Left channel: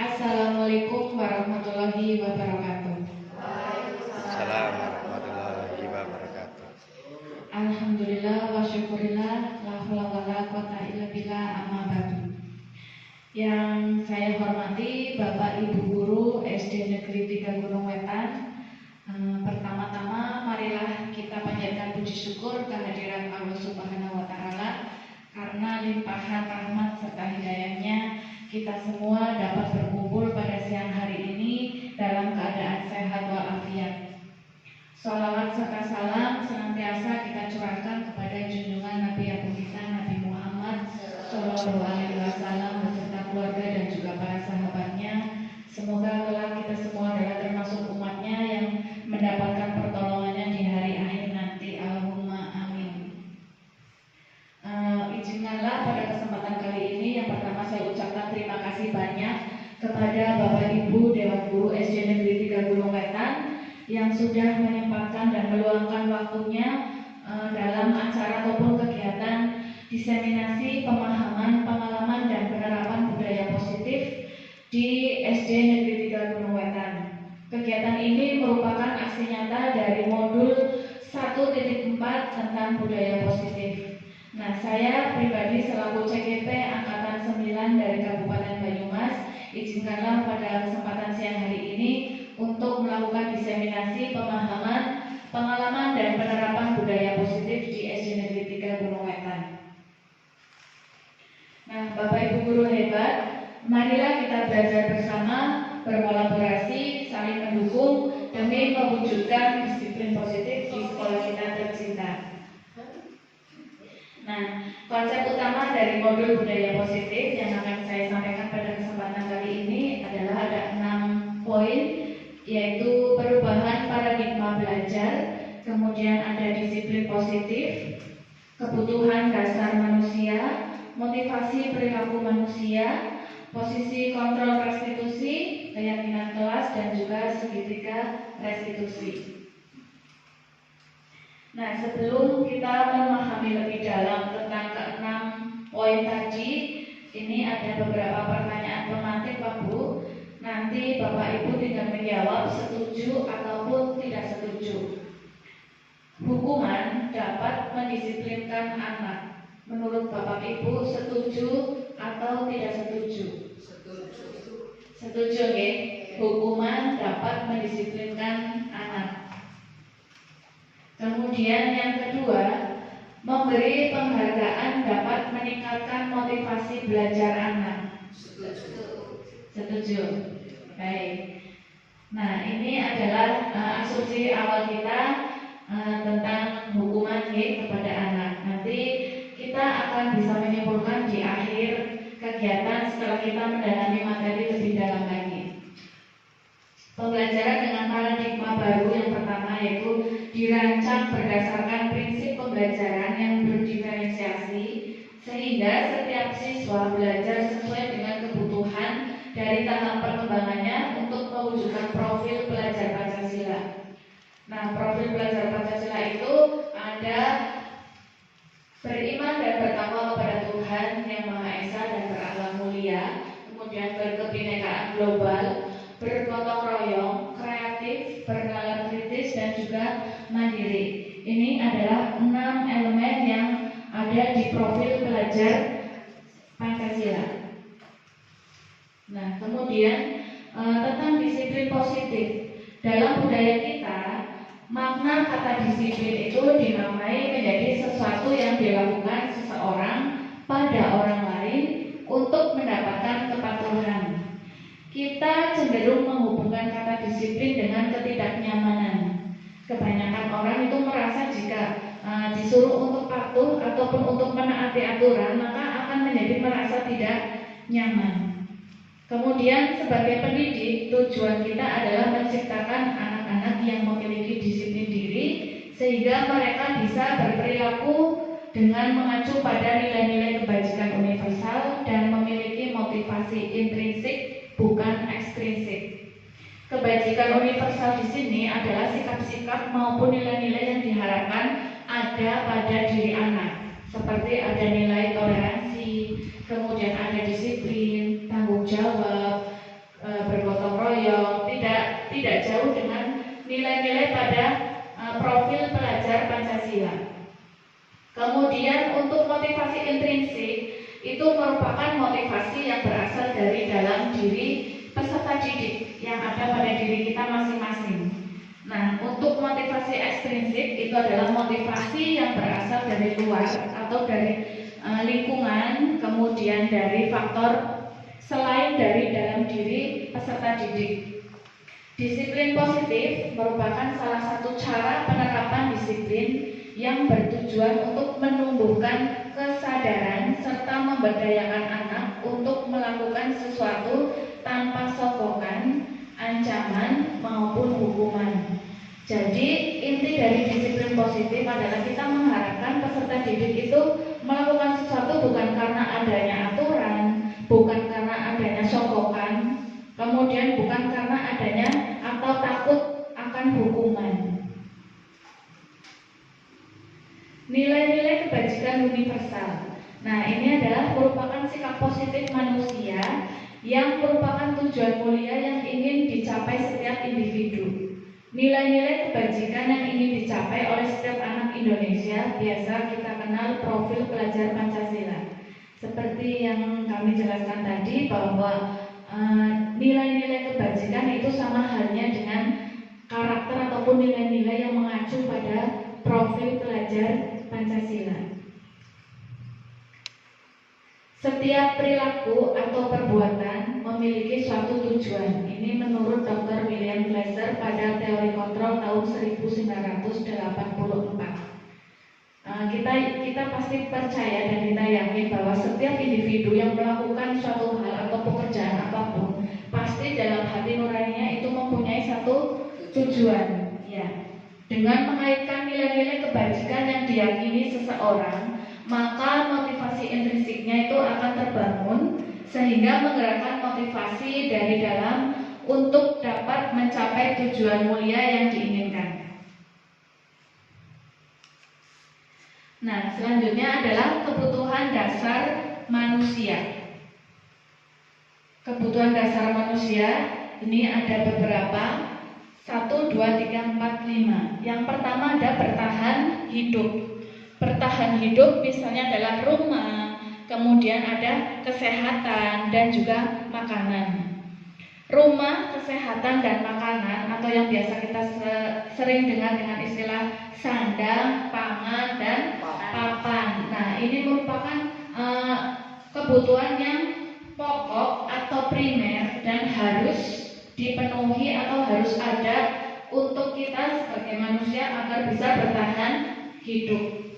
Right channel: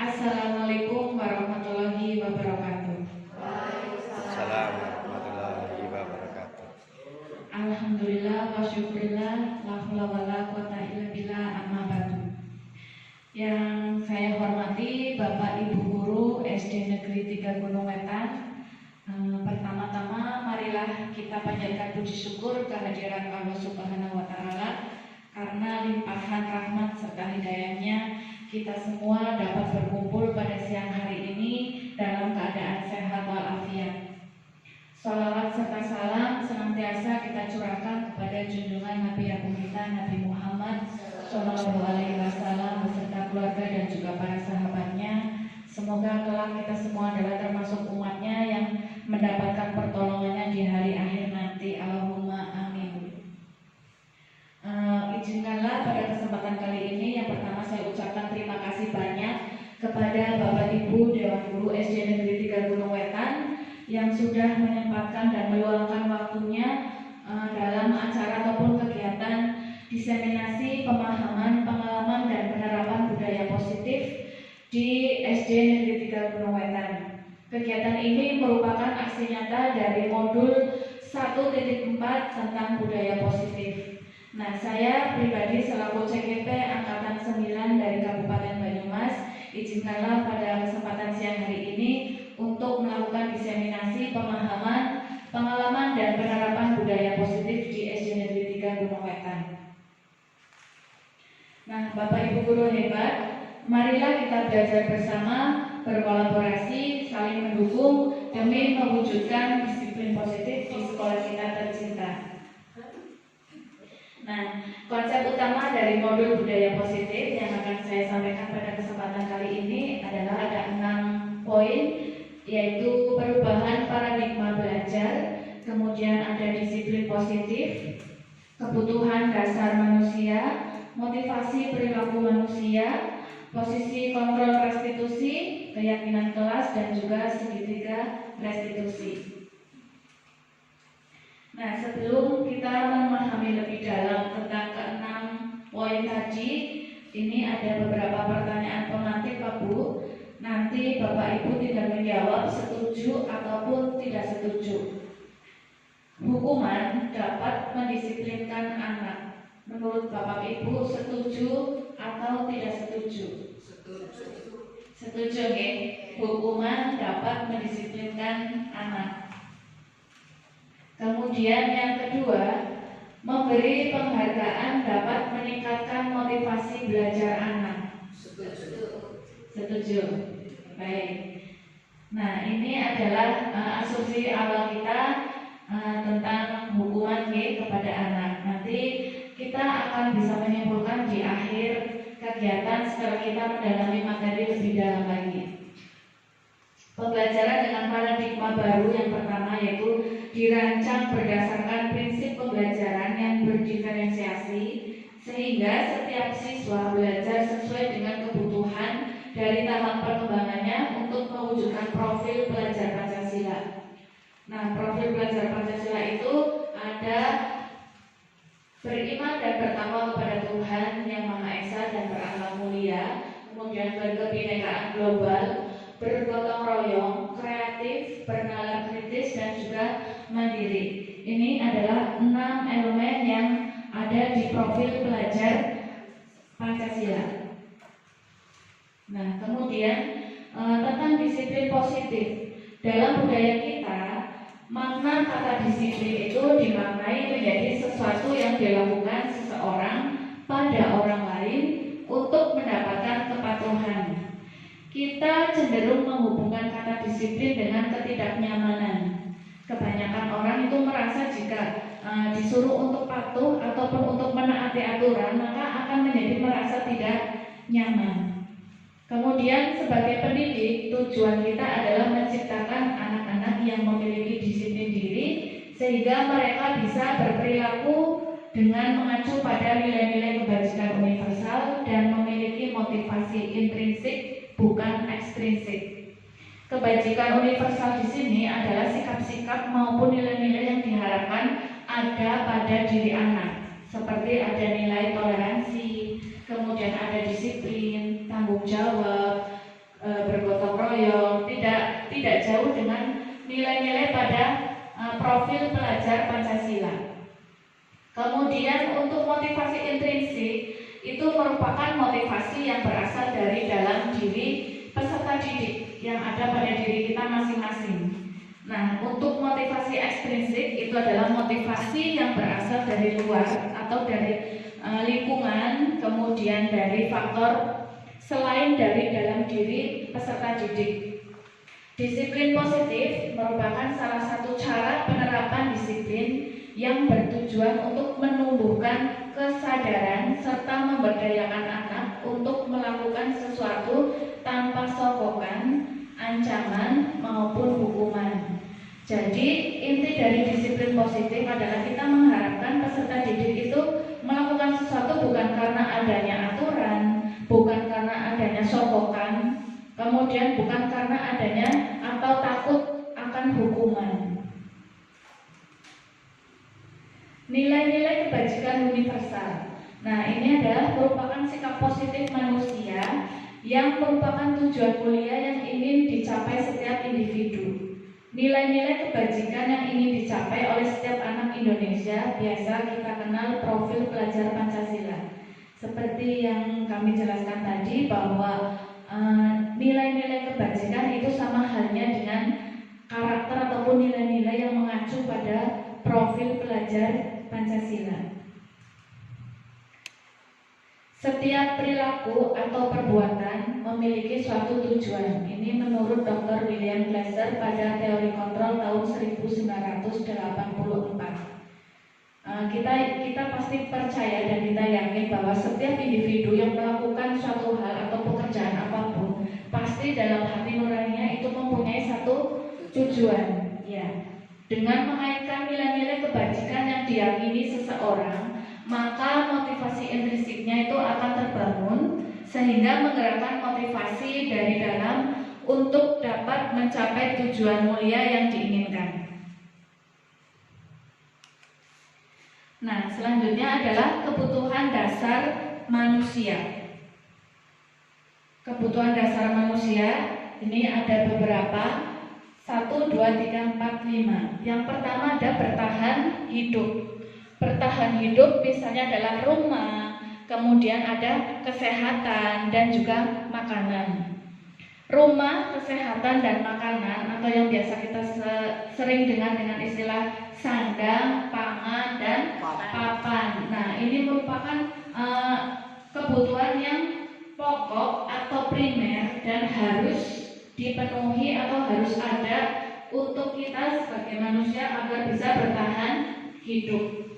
Assalamualaikum warahmatullahi wabarakatuh. Waalaikumsalam warahmatullahi wabarakatuh. Alhamdulillah wa syukurillah, la haula wala quwata illa billah, amma ba'du. Yang saya hormati Bapak Ibu Guru SD Negeri 3 Gunung Wetan. Pertama-tama marilah kita panjatkan puji syukur kehadirat Allah Subhanahu wa taala karena limpahan rahmat serta hidayahnya kita semua dapat berkumpul pada siang hari ini dalam keadaan sehat walafiat. Shalawat serta salam senantiasa kita curahkan kepada junjungan Nabi Agung kita Nabi Muhammad Shallallahu Alaihi Wasallam beserta keluarga dan juga para sahabatnya. Semoga kelak kita semua adalah termasuk umatnya yang mendapatkan pertolongannya di hari akhir nanti. Allahumma amin. Izinkanlah pada kesempatan kali ini yang pertama saya ucapkan terima kasih banyak kepada Bapak Ibu Dewan Guru SD Negeri 3 Gunung Wetan yang sudah menyempatkan dan meluangkan waktunya dalam acara ataupun kegiatan diseminasi pemahaman, pengalaman dan penerapan budaya positif di SD Negeri 3 Gunung Wetan. Kegiatan ini merupakan aksi nyata dari modul 1.4 tentang budaya positif. Nah, saya pribadi selaku CGP Angkatan 9 dari Kabupaten Banyumas, izinkanlah pada kesempatan siang hari ini untuk melakukan diseminasi pemahaman, pengalaman dan penerapan budaya positif di SD Negeri 3 Gunung Wetan. Nah, Bapak Ibu guru hebat, marilah kita belajar bersama, berkolaborasi, saling mendukung demi mewujudkan disiplin positif di sekolah kita tercinta. Nah, konsep utama dari modul budaya positif yang akan saya sampaikan pada kesempatan kali ini adalah ada 6 poin, yaitu perubahan paradigma belajar, kemudian ada disiplin positif, kebutuhan dasar manusia, motivasi perilaku manusia, posisi kontrol restitusi, keyakinan kelas, dan juga segitiga restitusi. Nah, sebelum kita memahami lebih dalam tentang ke-6 poin tadi, ini ada beberapa pertanyaan pemantik Pak Bu. Nanti Bapak Ibu tinggal menjawab setuju ataupun tidak setuju. Hukuman dapat mendisiplinkan anak. Menurut Bapak Ibu setuju atau tidak setuju? Setuju. Setuju, ya? Hukuman dapat mendisiplinkan anak. Kemudian yang kedua, memberi penghargaan dapat meningkatkan motivasi belajar anak. Setuju. Baik. Nah, ini adalah asumsi awal kita tentang hukuman kepada anak. Nanti kita akan bisa menyimpulkan di akhir kegiatan setelah kita mendalami materi lebih dalam lagi. Pembelajaran dengan paradigma baru yang pertama yaitu dirancang berdasarkan prinsip pembelajaran yang berdiferensiasi sehingga setiap siswa belajar sesuai dengan kebutuhan dari tahap perkembangannya untuk mewujudkan profil pelajar Pancasila. Nah, profil pelajar Pancasila itu ada beriman dan bertakwa kepada Tuhan Yang Maha Esa dan berahlak mulia, kemudian berkebinekaan global, bergotong royong, kreatif, bernalar kritis, dan juga mandiri. Ini adalah 6 elemen yang ada di profil pelajar Pancasila. Nah, kemudian tentang disiplin positif. Dalam budaya kita, makna kata disiplin itu dimaknai menjadi sesuatu yang dilakukan seseorang pada orang lain untuk mendapatkan kepatuhan. Kita cenderung menghubungkan kata disiplin dengan ketidaknyamanan. Kebanyakan orang itu merasa jika disuruh untuk patuh ataupun untuk menaati aturan, maka akan menjadi merasa tidak nyaman. Kemudian sebagai pendidik, tujuan kita adalah menciptakan anak-anak yang memiliki disiplin diri sehingga mereka bisa berperilaku dengan mengacu pada nilai-nilai kebajikan universal dan memiliki motivasi intrinsik bukan ekstrinsik. Kebajikan universal di sini adalah sikap-sikap maupun nilai-nilai yang diharapkan ada pada diri anak, seperti ada nilai toleransi, kemudian ada disiplin, tanggung jawab, bergotong royong, tidak jauh dengan nilai-nilai pada profil pelajar Pancasila. Kemudian untuk motivasi intrinsik itu merupakan motivasi yang berasal dari dalam diri peserta didik yang ada pada diri kita masing-masing. Nah, untuk motivasi ekstrinsik itu adalah motivasi yang berasal dari luar atau dari lingkungan, kemudian dari faktor selain dari dalam diri peserta didik. Disiplin positif merupakan salah satu cara penerapan disiplin yang bertujuan untuk menumbuhkan kesadaran serta memberdayakan anak untuk melakukan sesuatu tanpa sokongan, ancaman maupun hukuman. Jadi inti dari disiplin positif adalah kita mengharapkan peserta didik itu melakukan sesuatu bukan karena adanya aturan, bukan karena adanya sokongan, kemudian bukan karena adanya atau takut akan hukuman. Nilai-nilai kebajikan universal. Nah, ini adalah merupakan sikap positif manusia yang merupakan tujuan mulia yang ingin dicapai setiap individu. Nilai-nilai kebajikan yang ingin dicapai oleh setiap anak Indonesia biasa kita kenal profil pelajar Pancasila. Seperti yang kami jelaskan tadi bahwa nilai-nilai kebajikan itu sama halnya dengan karakter ataupun nilai-nilai yang mengacu pada profil pelajar Pancasila. Setiap perilaku atau perbuatan memiliki suatu tujuan. Ini menurut Dr. William Glasser pada teori kontrol tahun 1984. Kita pasti percaya dan kita yakin bahwa setiap individu yang melakukan suatu hal atau pekerjaan apapun pasti dalam hati nuraninya itu mempunyai satu tujuan. Ya, dengan mengaitkan nilai-nilai kebajikan yang diyakini seseorang, maka motivasi intrinsiknya itu akan terbangun sehingga menggerakkan motivasi dari dalam untuk dapat mencapai tujuan mulia yang diinginkan. Nah, selanjutnya adalah kebutuhan dasar manusia. Kebutuhan dasar manusia ini ada beberapa, 1, 2, 3, 4, 5. Yang pertama ada bertahan hidup. Bertahan hidup misalnya adalah rumah, kemudian ada kesehatan dan juga makanan. Rumah, kesehatan dan makanan atau yang biasa kita sering dengar dengan istilah sandang, pangan dan papan. Nah, ini merupakan kebutuhan yang pokok atau primer dan harus dipenuhi atau harus ada untuk kita sebagai manusia agar bisa bertahan hidup.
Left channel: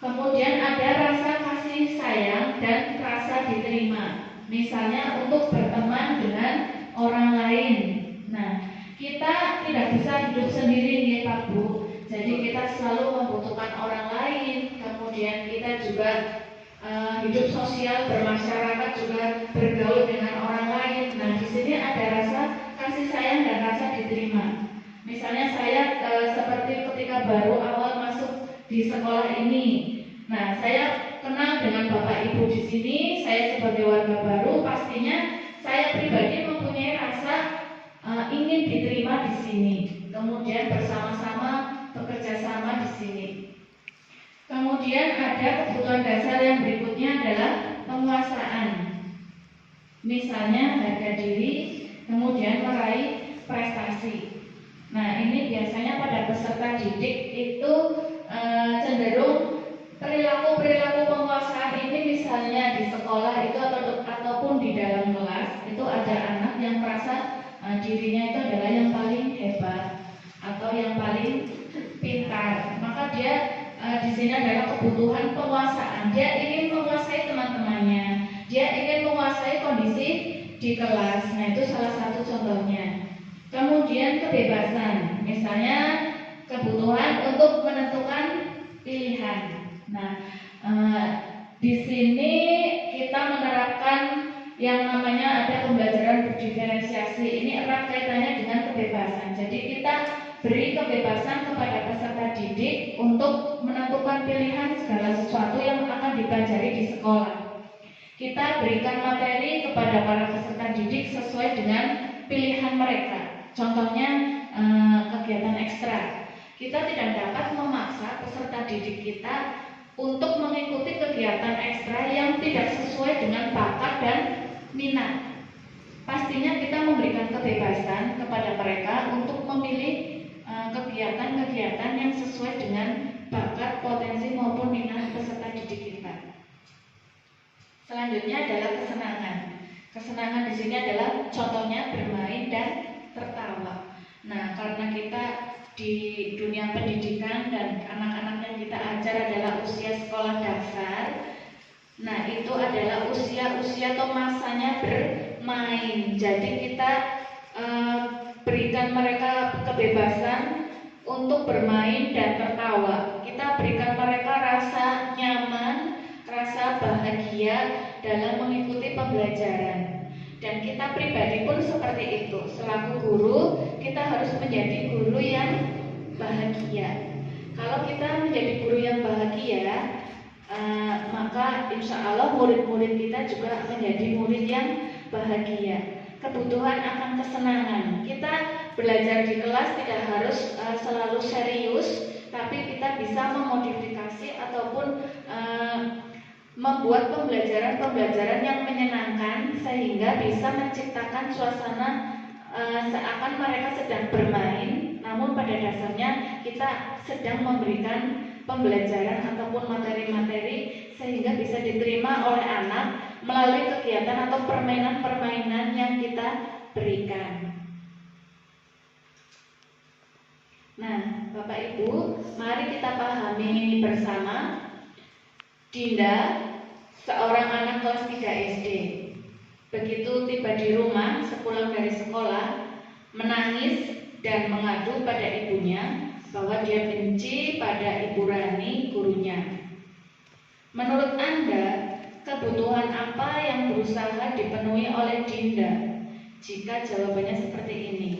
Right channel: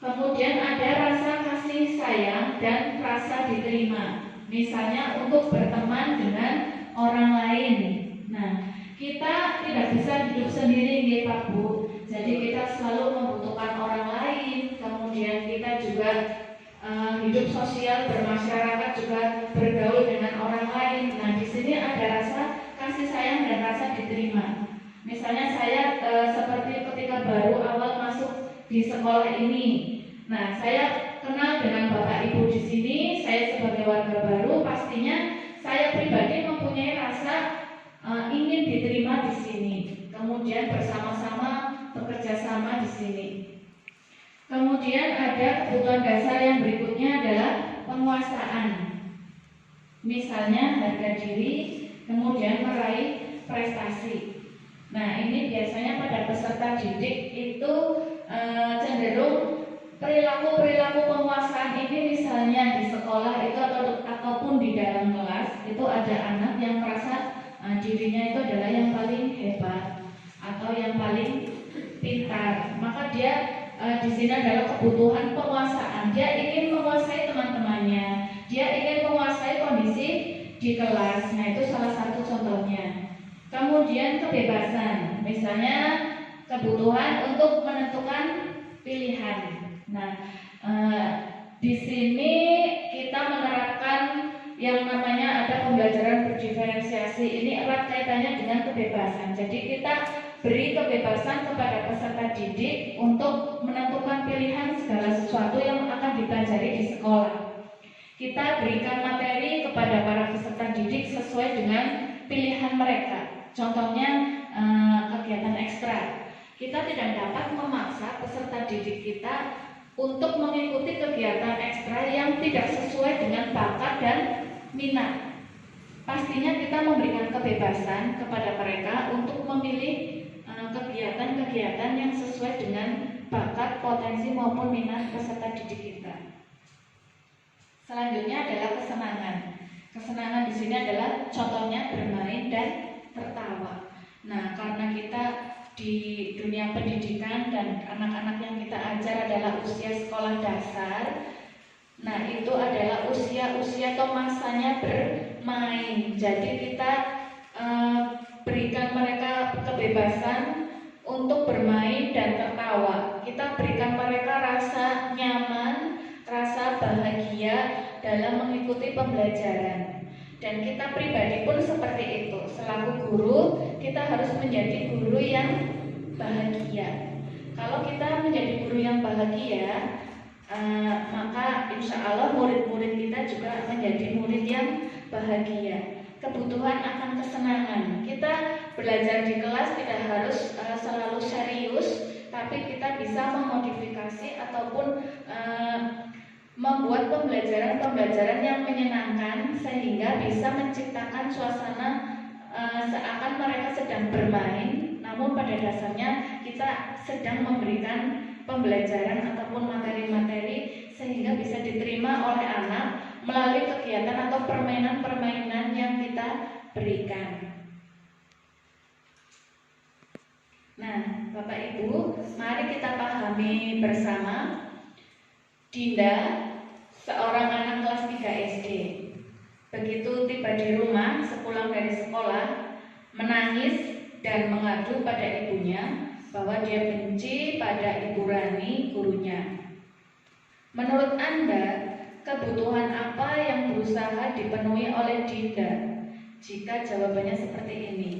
Kemudian ada rasa kasih sayang dan rasa diterima. Misalnya untuk berteman dengan orang lain. Nah, kita tidak bisa hidup sendiri nih Pak Bu. Jadi kita selalu membutuhkan orang lain. Kemudian kita juga hidup sosial bermasyarakat juga bergaul dengan orang lain. Nah, di sini ada rasa kasih sayang dan rasa diterima. Misalnya saya ketika baru awal masuk di sekolah ini. Nah, saya kenal dengan Bapak Ibu di sini, saya sebagai warga baru, pastinya saya pribadi mempunyai rasa ingin diterima di sini. Kemudian bersama-sama bekerja sama di sini. Kemudian ada kebutuhan dasar yang berikutnya adalah penguasaan. Misalnya harga diri, kemudian meraih prestasi. Nah, ini biasanya pada peserta didik itu cenderung perilaku penguasaan ini, misalnya di sekolah itu ataupun di dalam kelas itu ada anak yang merasa dirinya itu adalah yang paling hebat atau yang paling pintar, maka dia di sini adalah kebutuhan penguasaan. Dia ingin menguasai teman-temannya, dia ingin menguasai kondisi di kelas. Nah, itu salah satu contohnya. Kemudian kebebasan, misalnya kebutuhan untuk menentukan pilihan. Nah, di sini kita menerapkan yang namanya ada pembelajaran berdiferensiasi. Ini erat kaitannya dengan kebebasan. Jadi kita beri kebebasan kepada peserta didik untuk menentukan pilihan segala sesuatu yang akan dipelajari di sekolah. Kita berikan materi kepada para peserta didik sesuai dengan pilihan mereka. Contohnya kegiatan ekstra. Kita tidak dapat memaksa peserta didik kita untuk mengikuti kegiatan ekstra yang tidak sesuai dengan bakat dan minat. Pastinya kita memberikan kebebasan kepada mereka untuk memilih kegiatan-kegiatan yang sesuai dengan bakat, potensi maupun minat peserta didik kita. Selanjutnya adalah kesenangan. Kesenangan di sini adalah contohnya bermain dan tertawa. Nah, karena kita di dunia pendidikan dan anak-anak yang kita ajar adalah usia sekolah dasar, nah itu adalah usia-usia atau masanya bermain. Jadi kita berikan mereka kebebasan untuk bermain dan tertawa. Kita berikan mereka rasa nyaman, rasa bahagia dalam mengikuti pembelajaran. Dan kita pribadi pun seperti itu. Selaku guru, kita harus menjadi guru yang bahagia. Kalau kita menjadi guru yang bahagia, maka insya Allah murid-murid kita juga menjadi murid yang bahagia. Kebutuhan akan kesenangan. Kita belajar di kelas tidak harus selalu serius, tapi kita bisa memodifikasi ataupun membuat pembelajaran yang menyenangkan sehingga bisa menciptakan suasana seakan mereka sedang bermain, namun pada dasarnya kita sedang memberikan pembelajaran ataupun materi-materi sehingga bisa diterima oleh anak melalui kegiatan atau permainan-permainan yang kita berikan. Nah, Bapak Ibu, mari kita pahami bersama. Dinda, seorang anak kelas 3 SD, begitu tiba di rumah sepulang dari sekolah, menangis dan mengadu pada ibunya bahwa dia benci pada Ibu Rani, gurunya. Menurut Anda, kebutuhan apa yang berusaha dipenuhi oleh Dinda? Jika jawabannya seperti ini,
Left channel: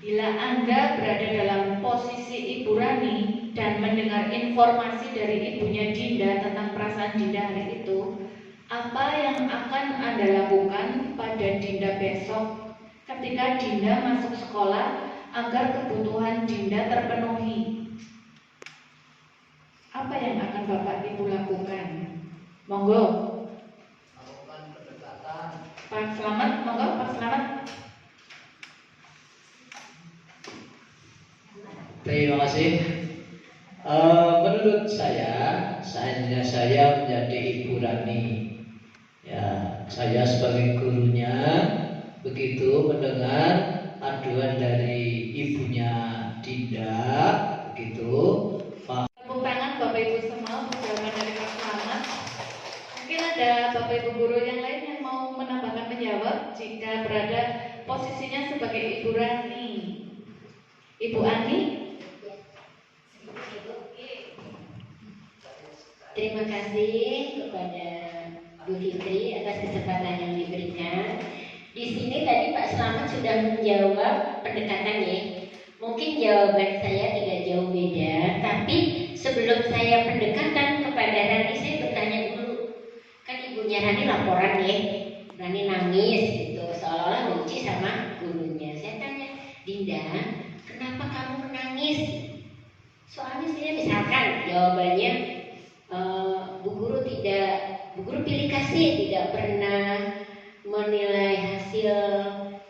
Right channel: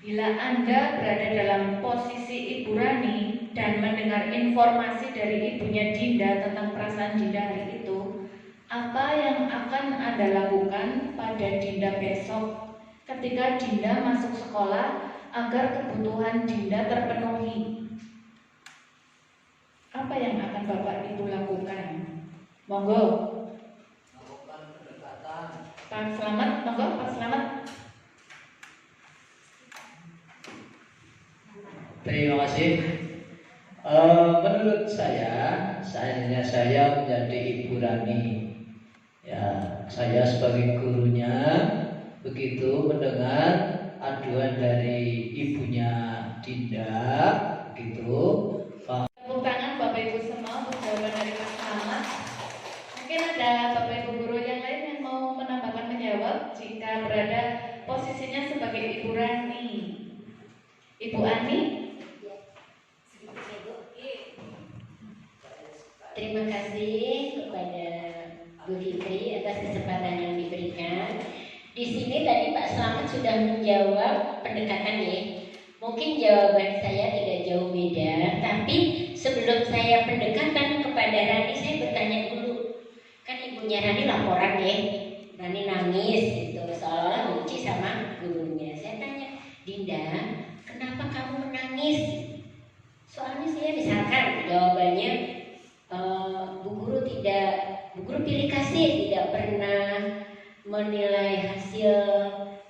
bila Anda berada dalam posisi Ibu Rani dan mendengar informasi dari ibunya Dinda tentang perasaan Dinda hari itu, apa yang akan Anda lakukan pada Dinda besok ketika Dinda masuk sekolah agar kebutuhan Dinda terpenuhi? Apa yang akan Bapak Ibu lakukan? Monggo. Lakukan pendekatan. Pak Selamat, monggo Pak Selamat. Terima kasih. Menurut saya menjadi Ibu Rani. Ya, saya sebagai gurunya begitu mendengar aduan dari ibunya Dinda, begitu. Tepuk tangan Bapak Ibu semua untuk jawaban dari Pak Selamat. Mungkin ada Bapak Ibu guru yang lain yang mau menambahkan menjawab jika berada posisinya sebagai Ibu Rani. Ibu Ani. Terima kasih kepada Bu Fitri atas kesempatan yang diberikan. Di sini tadi Pak Selamat sudah menjawab pendekatan ya. Mungkin jawaban saya tidak jauh beda. menangis. Soalnya saya misalkan jawabannya Bu Guru pilih kasih tidak pernah menilai hasil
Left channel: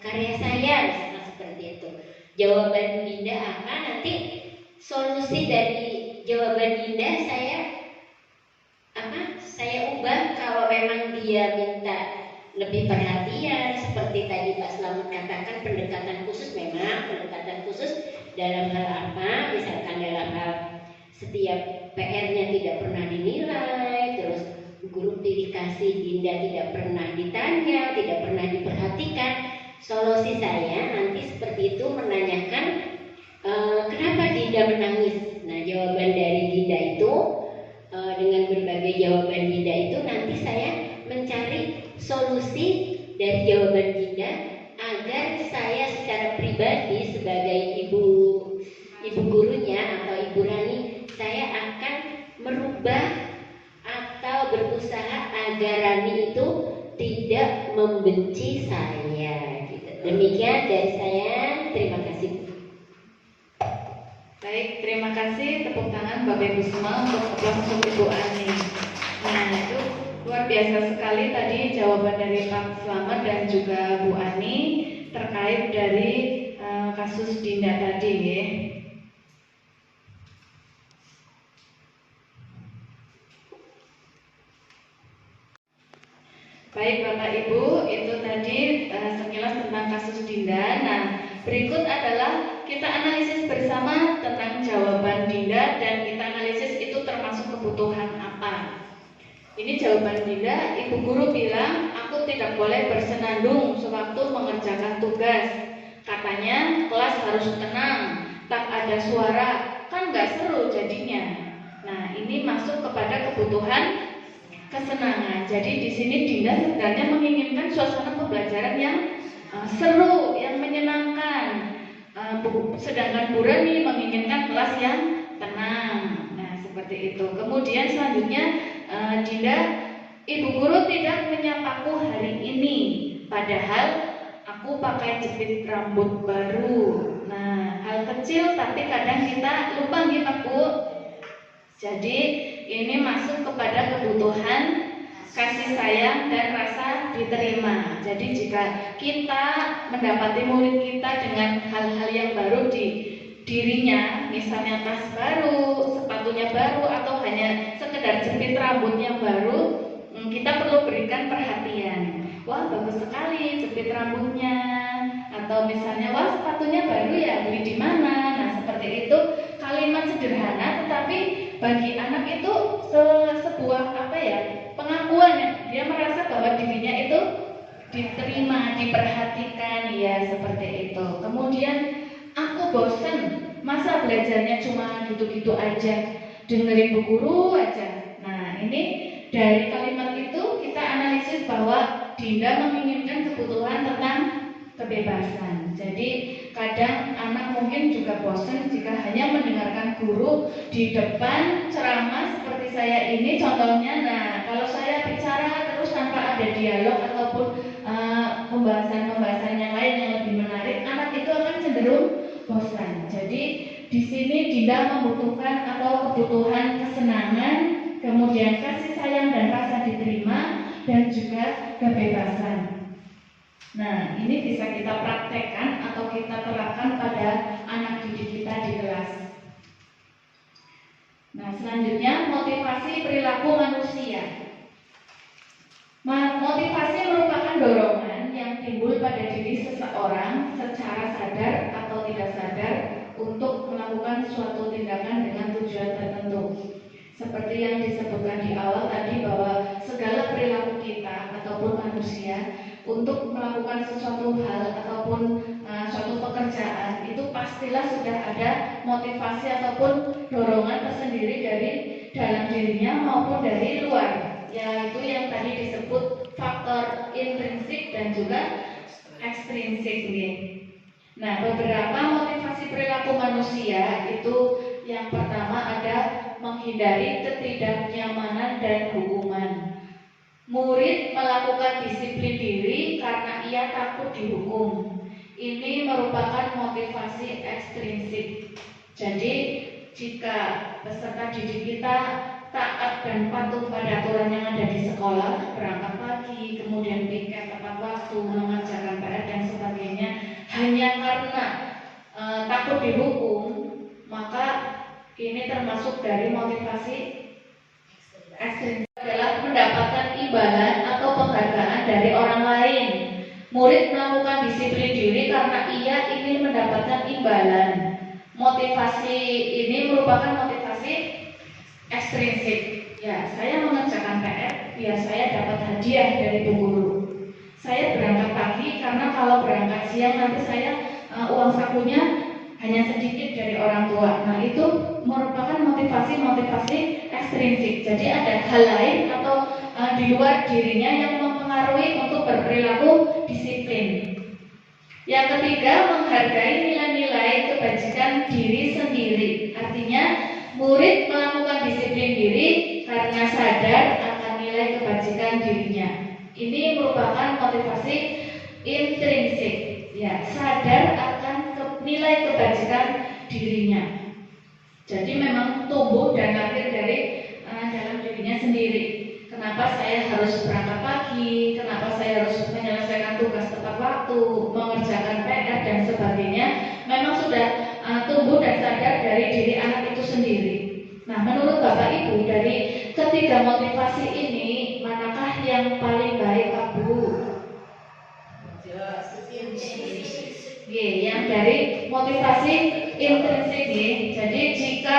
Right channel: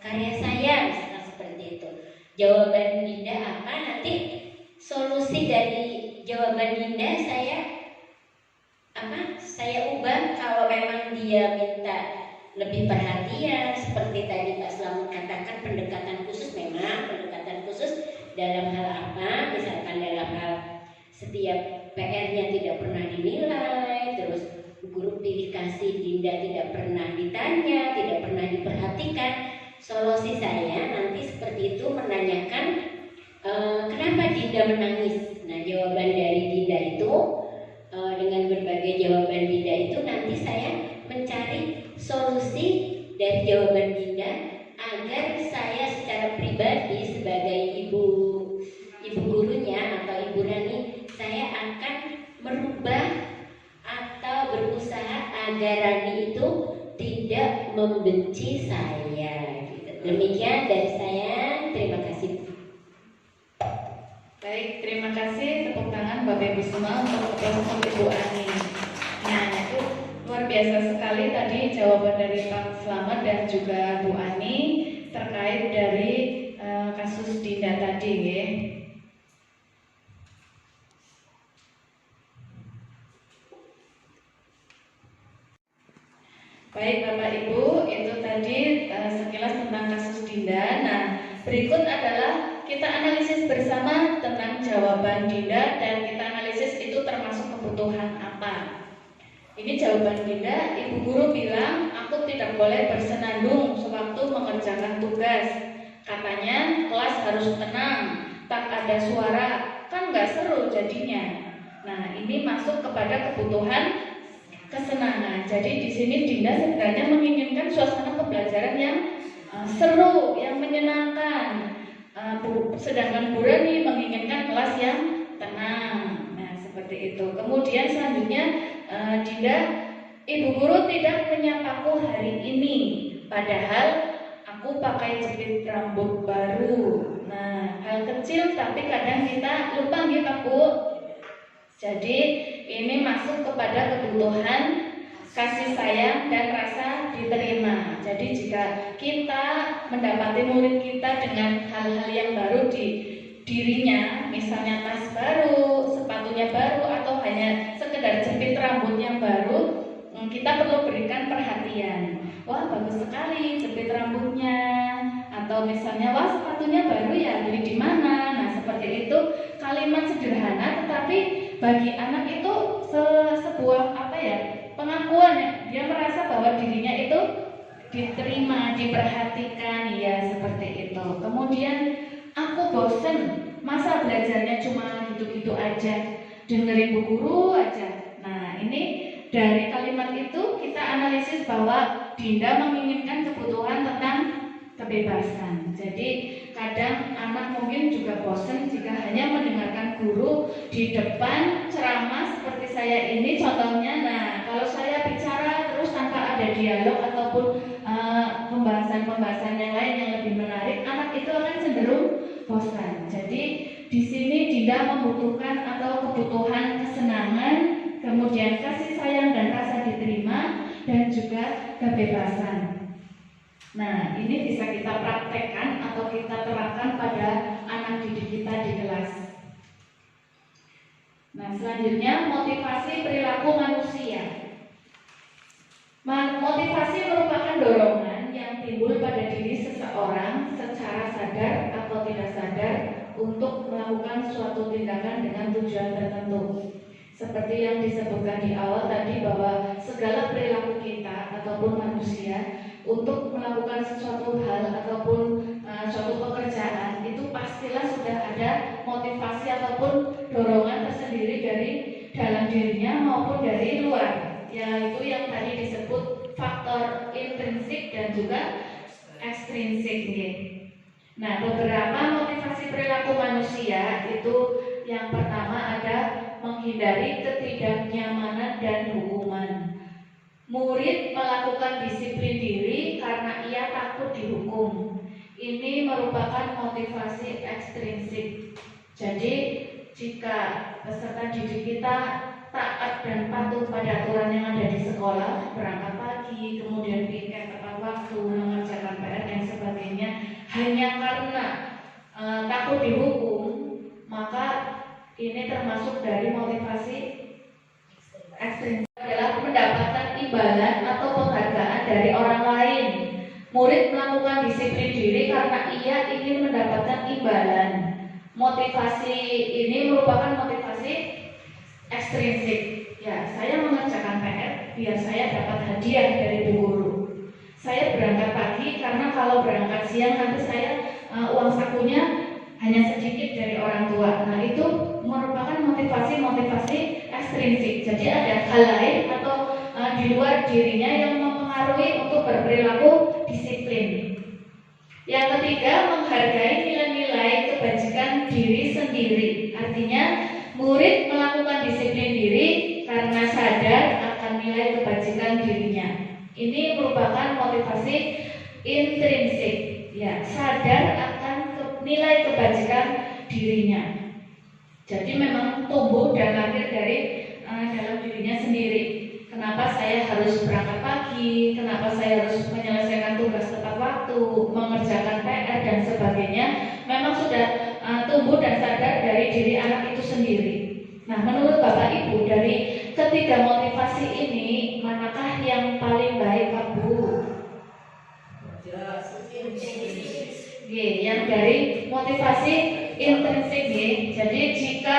karya saya, misalkan seperti itu. Jawaban Dinda apa? Nanti solusi dari jawaban Dinda saya ubah kalau memang dia minta lebih perhatian seperti tadi Pak Slamet katakan, pendekatan khusus dalam hal apa, misalkan dalam hal setiap PR-nya tidak pernah dinilai, terus guru pilih kasih Dinda tidak pernah ditanya, tidak pernah diperhatikan. Solusi saya nanti seperti itu, menanyakan kenapa Dinda menangis. Nah, jawaban dari Dinda itu dengan berbagai jawaban Dinda itu nanti saya mencari solusi dari jawaban Dinda agar saya secara pribadi sebagai ibu gurunya atau Ibu Rani, saya akan merubah atau berusaha agar Rani itu tidak membenci saya. Gitu. Demikian dari saya, terima kasih. Baik, terima kasih, tepuk tangan Bapak Ibu semua untuk kelas Ibu Ani. Nah, itu luar biasa sekali tadi jawaban dari Pak Slamet dan juga Bu Ani terkait dari kasus Dinda tadi ya. Baik Bapak Ibu, itu tadi sekilas tentang kasus Dinda. Nah, berikut adalah kita analisis bersama tentang jawaban Dinda dan kita analisis itu termasuk kebutuhan apa. Ini jawaban Dinda, Ibu Guru bilang aku tidak boleh bersenandung sewaktu mengerjakan tugas. Katanya kelas harus tenang, tak ada suara, kan nggak seru jadinya. Nah, ini masuk kepada kebutuhan kesenangan. Jadi di sini Dinda sebenarnya menginginkan suasana pembelajaran yang seru, yang menyenangkan. Sedangkan Bu Rani menginginkan kelas yang tenang. Nah, seperti itu. Kemudian selanjutnya Dinda, Ibu Guru tidak menyapaku hari ini, padahal aku pakai jepit rambut baru. Nah, hal kecil tapi kadang kita lupa gitu Bu. Jadi ini masuk kepada kebutuhan kasih sayang dan rasa diterima. Jadi jika kita mendapati murid kita dengan hal-hal yang baru di dirinya, misalnya tas baru, sepatunya baru, atau hanya sekedar jepit rambut yang baru, kita perlu berikan perhatian. Wah, bagus sekali jepit rambutnya, atau misalnya wah sepatunya baru ya, beli di mana. Nah, seperti itu kalimat sederhana tetapi bagi anak itu sebuah pengakuan. Dia merasa bahwa dirinya itu diterima, diperhatikan, ya seperti itu. Kemudian aku bosen, masa belajarnya cuma gitu-gitu aja, dengerin Bu Guru aja. Nah, ini dari kalimat itu kita analisis bahwa Dinda menginginkan kebutuhan tentang kebebasan. Jadi kadang anak mungkin juga bosan jika hanya mendengarkan guru di depan ceramah seperti saya ini contohnya. Nah, kalau saya bicara terus tanpa ada dialog ataupun pembahasan-pembahasan yang lain yang lebih menarik, anak itu akan cenderung bosan. Jadi di sini Dinda membutuhkan atau kebutuhan kesenangan, kemudian kasih sayang dan rasa diterima, dan juga kebebasan. Nah, ini bisa kita praktekkan atau kita terapkan pada anak didik kita di kelas. Nah, selanjutnya motivasi perilaku manusia. Motivasi merupakan dorongan yang timbul pada diri seseorang secara sadar atau tidak sadar untuk melakukan suatu tindakan dengan tujuan tertentu. Seperti yang disebutkan di awal tadi bahwa segala perilaku kita ataupun manusia untuk melakukan sesuatu hal ataupun suatu pekerjaan itu pastilah sudah ada motivasi ataupun dorongan tersendiri dari dalam dirinya maupun dari luar, yaitu yang tadi disebut faktor intrinsik dan juga ekstrinsik. Nah, beberapa motivasi perilaku manusia itu yang pertama ada menghindari ketidaknyamanan dan hukuman. Murid melakukan disiplin diri karena ia takut dihukum. Ini merupakan motivasi ekstrinsik. Jadi jika peserta didik kita taat dan patuh pada aturan yang ada di sekolah, berangkat pagi, kemudian piket tepat waktu, mengerjakan PR dan sebagainya, hanya karena takut dihukum, maka ini termasuk dari motivasi ekstrim, adalah mendapatkan imbalan atau penghargaan dari orang lain. Murid melakukan disiplin diri karena ia ingin mendapatkan imbalan. Motivasi ini merupakan motivasi ekstrinsik. Ya, saya mengerjakan PR biar saya dapat hadiah dari bu guru. Saya berangkat pagi karena kalau berangkat siang nanti saya uang sakunya hanya sedikit dari orang tua. Nah, itu merupakan motivasi ekstrinsik. Jadi ada hal lain atau di luar dirinya yang mempengaruhi untuk berperilaku disiplin. Yang ketiga, menghargai nilai-nilai kebajikan diri sendiri. Artinya, murid melakukan disiplin diri karena sadar akan nilai kebajikan dirinya. Ini merupakan motivasi intrinsik, ya, sadar akan nilai kebajikan dirinya. Jadi memang tumbuh dan lahir dari dalam dirinya sendiri. Kenapa saya harus berangkat pagi? Kenapa saya harus menyelesaikan tugas tepat waktu, mengerjakan PR dan sebagainya? Memang sudah tumbuh dan sadar dari diri anak itu sendiri. Nah, menurut Bapak Ibu, dari ketiga motivasi ini, manakah yang paling baik, Pak Bu? Yang dari motivasi intrinsik. Jadi jika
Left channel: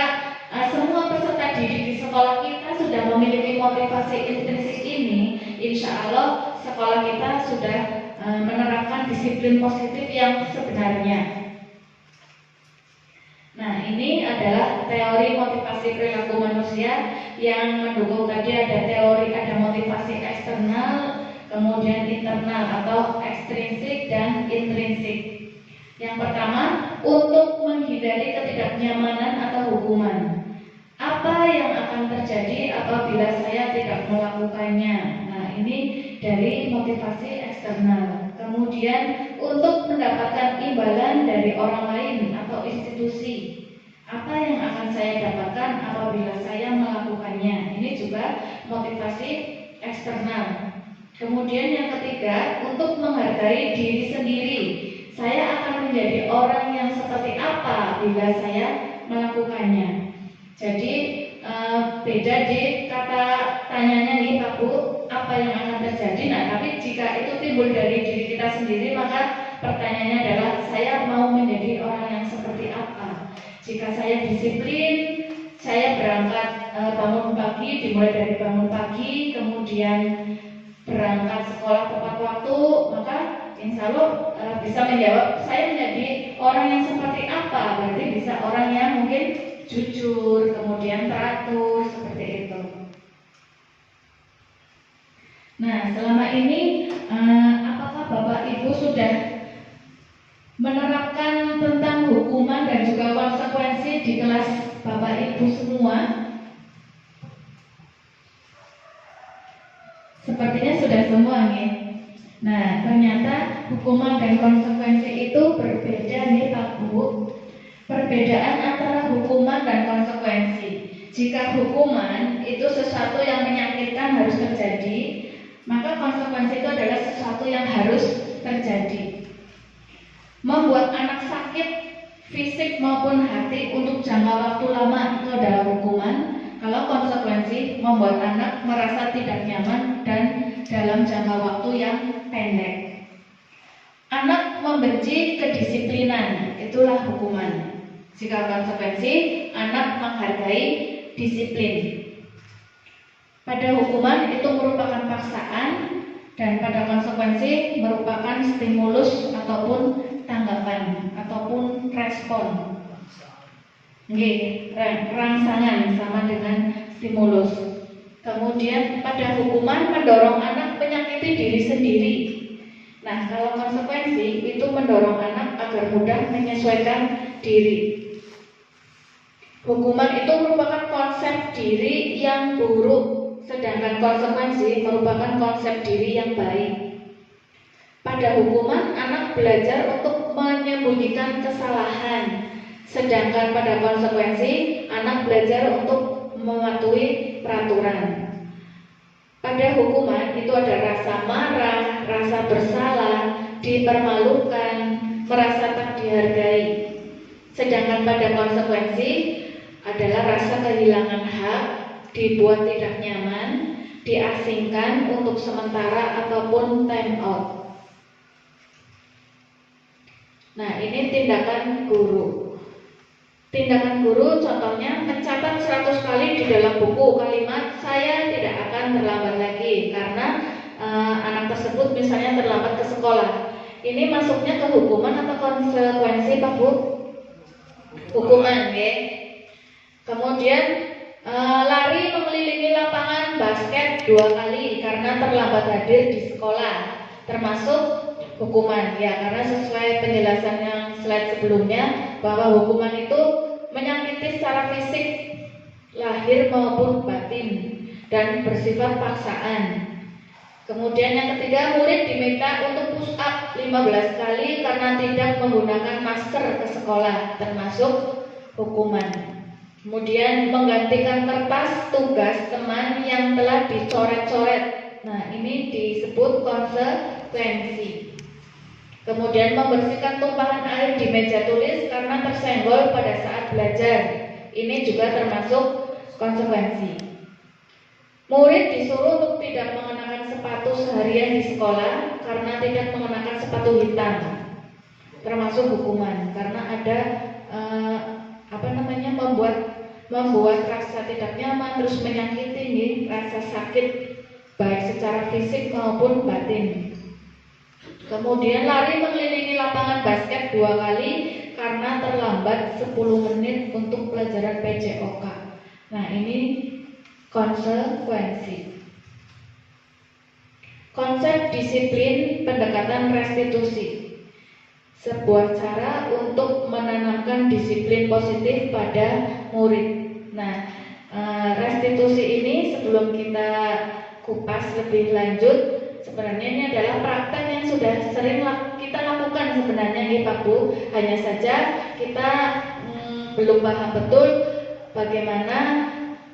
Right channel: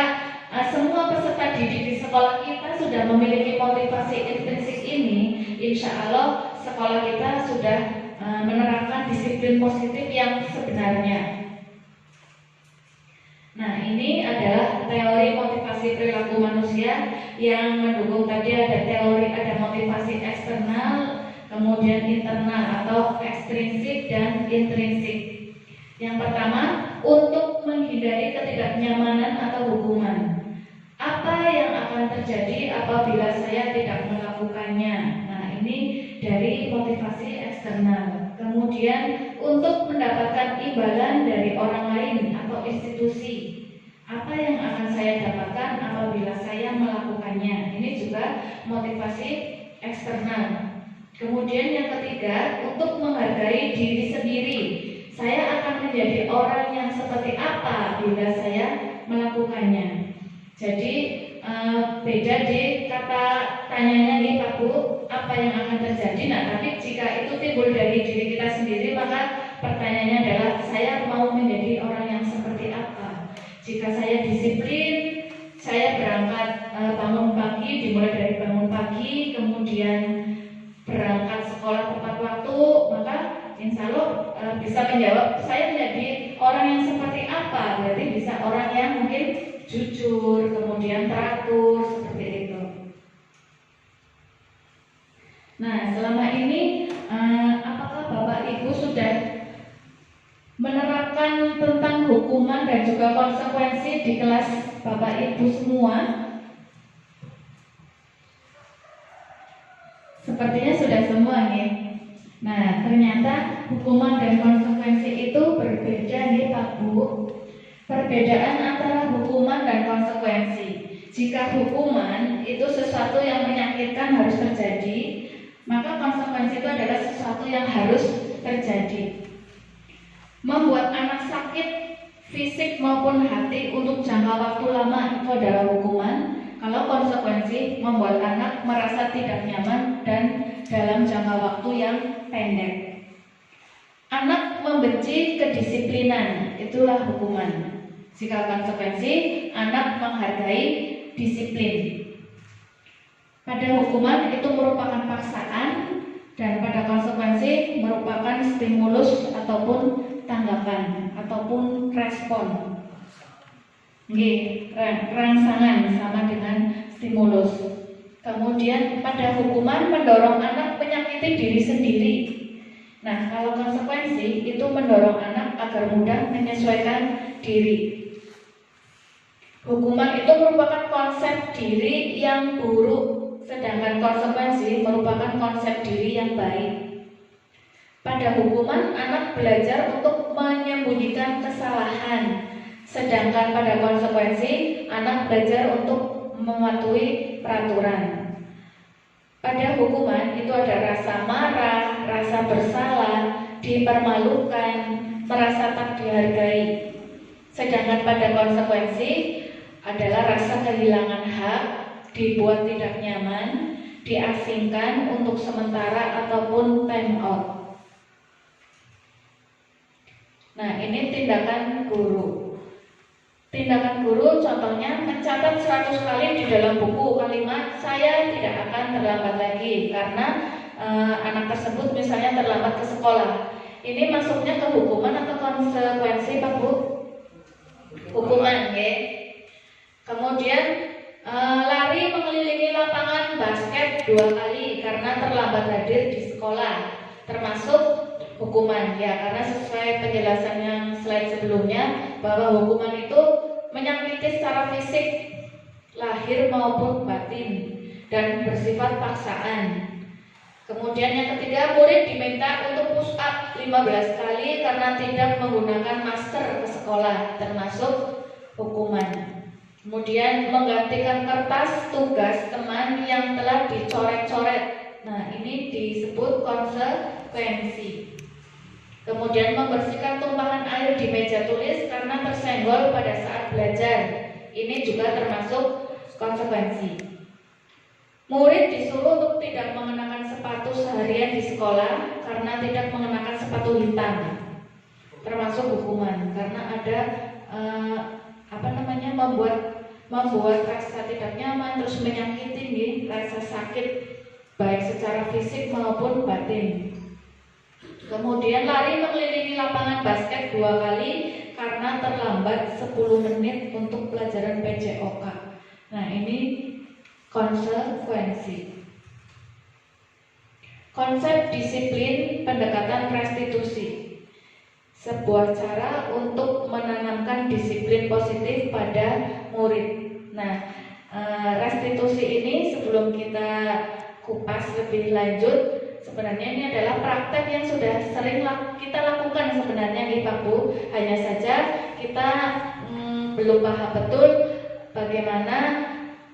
semua peserta didik di sekolah kita sudah memiliki motivasi intrinsik ini, insya Allah sekolah kita sudah menerapkan disiplin positif yang sebenarnya. Nah, ini adalah teori motivasi perilaku manusia yang mendukung. Tadi ada teori, ada motivasi eksternal, kemudian internal atau ekstrinsik dan intrinsik. Yang pertama, untuk menghindari ketidaknyamanan atau hukuman. Apa yang akan terjadi apabila saya tidak melakukannya? Nah, ini dari motivasi eksternal. Kemudian, untuk mendapatkan imbalan dari orang lain atau institusi. Apa yang akan saya dapatkan apabila saya melakukannya? Ini juga motivasi eksternal. Kemudian yang ketiga, untuk menghargai diri sendiri. Saya akan menjadi orang yang seperti apa bila saya melakukannya. Jadi beda di kata tanyanya nih Pak Bu, apa yang akan terjadi? Nah, tapi jika itu timbul dari diri kita sendiri, maka pertanyaannya adalah saya mau menjadi orang yang seperti apa? Jika saya disiplin, saya berangkat bangun pagi, dimulai dari bangun pagi, kemudian berangkat sekolah tepat waktu, maka insya Allah bisa menjawab saya menjadi orang yang seperti apa. Berarti bisa orang yang mungkin jujur, kemudian teratur, seperti itu. Nah, selama ini apakah Bapak Ibu sudah menerapkan tentang hukuman dan juga konsekuensi di kelas Bapak Ibu semua? Sepertinya sudah semua nih. Nah, ternyata hukuman dan konsekuensi itu berbeda nih Pak Bu. Perbedaan antara hukuman dan konsekuensi. Jika hukuman itu sesuatu yang menyakitkan harus terjadi, maka konsekuensi itu adalah sesuatu yang harus terjadi. Membuat anak sakit fisik maupun hati untuk jangka waktu lama itu adalah hukuman. Kalau konsekuensi membuat anak merasa tidak nyaman dan dalam jangka waktu yang pendek. Anak membenci kedisiplinan, itulah hukuman. Jika konsekuensi, anak menghargai disiplin. Pada hukuman itu merupakan paksaan, dan pada konsekuensi merupakan stimulus ataupun tanggapan ataupun respon. Rangsangan sama dengan stimulus. Kemudian pada hukuman mendorong anak menyakiti diri sendiri. Nah, kalau konsekuensi itu mendorong anak agar mudah menyesuaikan diri. Hukuman itu merupakan konsep diri yang buruk, sedangkan konsekuensi merupakan konsep diri yang baik. Pada hukuman, anak belajar untuk menyembunyikan kesalahan, Sedangkan pada konsekuensi, anak belajar untuk mematuhi peraturan. Pada hukuman itu ada rasa marah, rasa bersalah, dipermalukan, merasa tak dihargai. Sedangkan pada konsekuensi adalah rasa kehilangan hak, dibuat tidak nyaman, diasingkan untuk sementara ataupun time out. Nah, ini tindakan guru. Tindakan guru contohnya mencatat 100 kali di dalam buku kalimat saya tidak akan terlambat lagi karena anak tersebut misalnya terlambat ke sekolah. Ini masuknya ke hukuman atau konsekuensi Pak Bu? Hukuman, ya. Kemudian lari mengelilingi lapangan basket 2 kali karena terlambat hadir di sekolah, termasuk hukuman, ya, karena sesuai penjelasan yang slide sebelumnya bahwa hukuman itu menyakiti secara fisik lahir maupun batin dan bersifat paksaan. Kemudian yang ketiga, murid diminta untuk push up 15 kali karena tidak menggunakan masker ke sekolah, termasuk hukuman. Kemudian menggantikan kertas tugas teman yang telah dicoret-coret. Nah, ini disebut konsekuensi. Kemudian membersihkan tumpahan air di meja tulis karena tersenggol pada saat belajar. Ini juga termasuk konsekuensi. Murid disuruh untuk tidak mengenakan sepatu seharian di sekolah karena tidak mengenakan sepatu hitam, termasuk hukuman karena ada membuat rasa tidak nyaman, terus menyakiti nih, rasa sakit baik secara fisik maupun batin. Kemudian lari mengelilingi lapangan basket 2 kali karena terlambat 10 menit untuk pelajaran PJOK. Nah, ini konsekuensi. Konsep disiplin pendekatan restitusi, sebuah cara untuk menanamkan disiplin positif pada murid. Nah, restitusi ini sebelum kita kupas lebih lanjut, sebenarnya ini adalah praktek yang sudah sering kita lakukan sebenarnya nih Pak Bu. Hanya saja kita belum paham betul bagaimana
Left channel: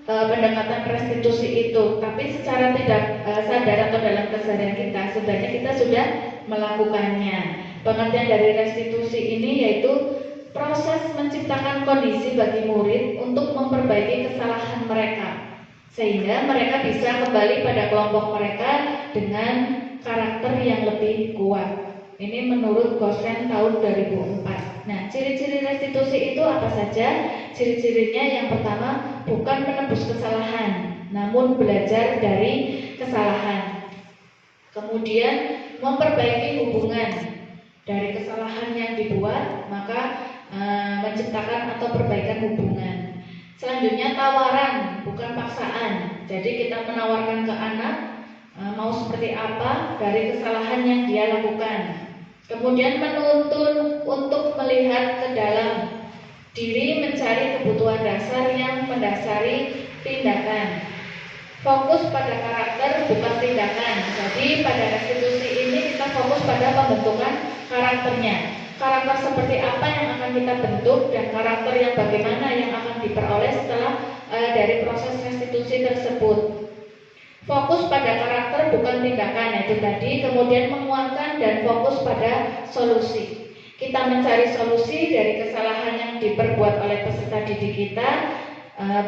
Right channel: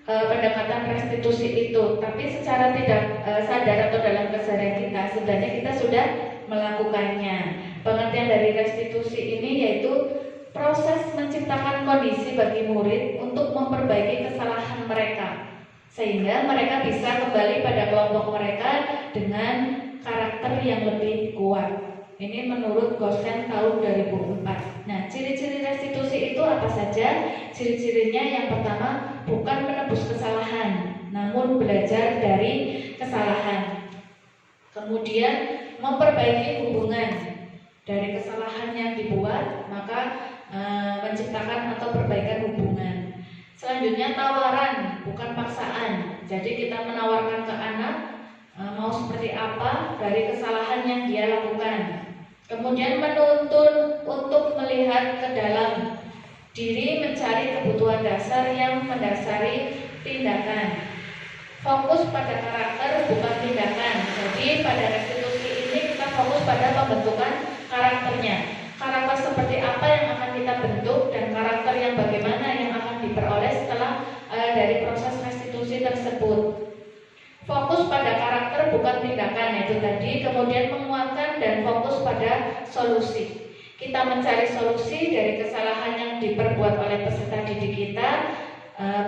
pendekatan restitusi itu. Tapi secara tidak sadar atau dalam keseharian kita sebenarnya kita sudah melakukannya. Pengertian dari restitusi ini yaitu proses menciptakan kondisi bagi murid untuk memperbaiki kesalahan mereka, sehingga mereka bisa kembali pada kelompok mereka dengan karakter yang lebih kuat. Ini menurut Gosen tahun 2004. Nah, ciri-ciri restitusi itu apa saja? Ciri-cirinya yang pertama, bukan menebus kesalahan, namun belajar dari kesalahan. Kemudian memperbaiki hubungan dari kesalahan yang dibuat, maka menciptakan atau perbaikan hubungan. Selanjutnya tawaran, bukan paksaan. Jadi kita menawarkan ke anak mau seperti apa dari kesalahan yang dia lakukan. Kemudian menuntun untuk melihat ke dalam diri, mencari kebutuhan dasar yang mendasari tindakan. Fokus pada karakter bukan tindakan. Jadi pada restitusi ini kita fokus pada pembentukan karakternya. Karakter seperti apa yang akan kita bentuk dan karakter yang bagaimana yang akan diperoleh setelah dari proses restitusi tersebut. Fokus pada karakter bukan tindakan, itu tadi. Kemudian menguatkan dan fokus pada solusi. Kita mencari solusi dari kesalahan yang diperbuat oleh peserta didik kita,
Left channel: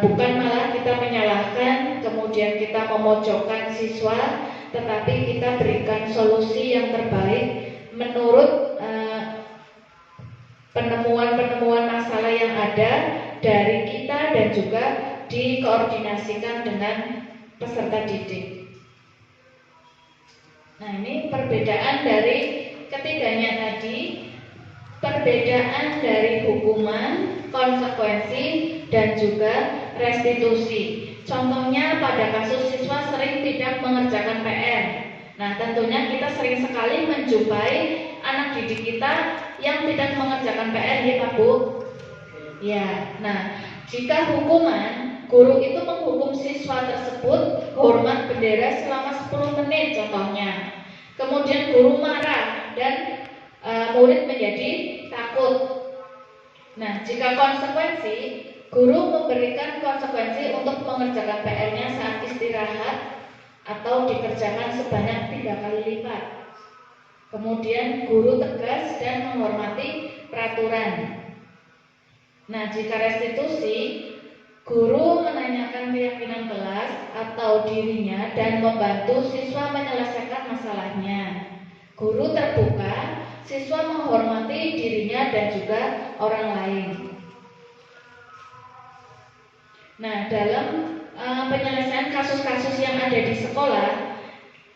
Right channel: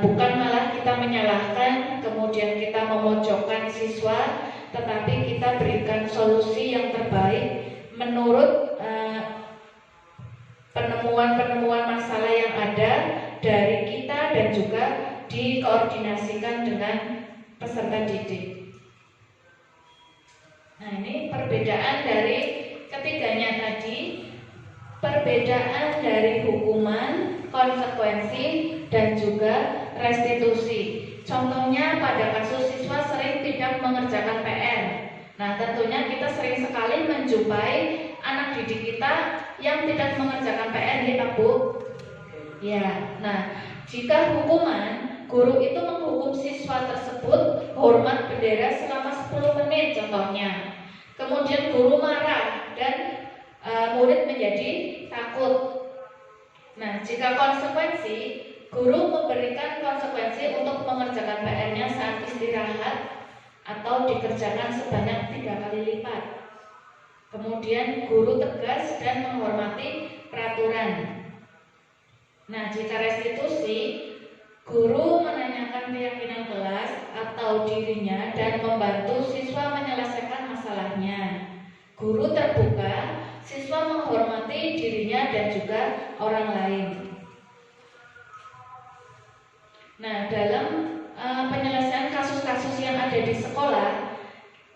bukan malah kita menyalahkan, kemudian kita memojokkan siswa, tetapi kita berikan solusi yang terbaik menurut penemuan-penemuan masalah yang ada dari kita dan juga dikoordinasikan dengan peserta didik. Nah, ini perbedaan dari ketiganya tadi, perbedaan dari hukuman, konsekuensi, dan juga restitusi. Contohnya pada kasus siswa sering tidak mengerjakan PR. Nah, tentunya kita sering sekali menjumpai anak didik kita yang tidak mengerjakan PR, ya Pak Bu? Ya, nah, jika hukuman, guru itu menghukum siswa tersebut hormat bendera selama 10 menit contohnya. Kemudian guru marah dan murid menjadi takut. Nah, jika konsekuensi, guru memberikan konsekuensi untuk mengerjakan PR-nya saat istirahat atau dikerjakan sebanyak 3 kali lipat. Kemudian guru tegas dan menghormati peraturan. Nah, jika restitusi, guru menanyakan keyakinan kelas atau dirinya dan membantu siswa menyelesaikan masalahnya. Guru terbuka, siswa menghormati dirinya dan juga orang lain. Nah, dalam penyelesaian kasus-kasus yang ada di sekolah,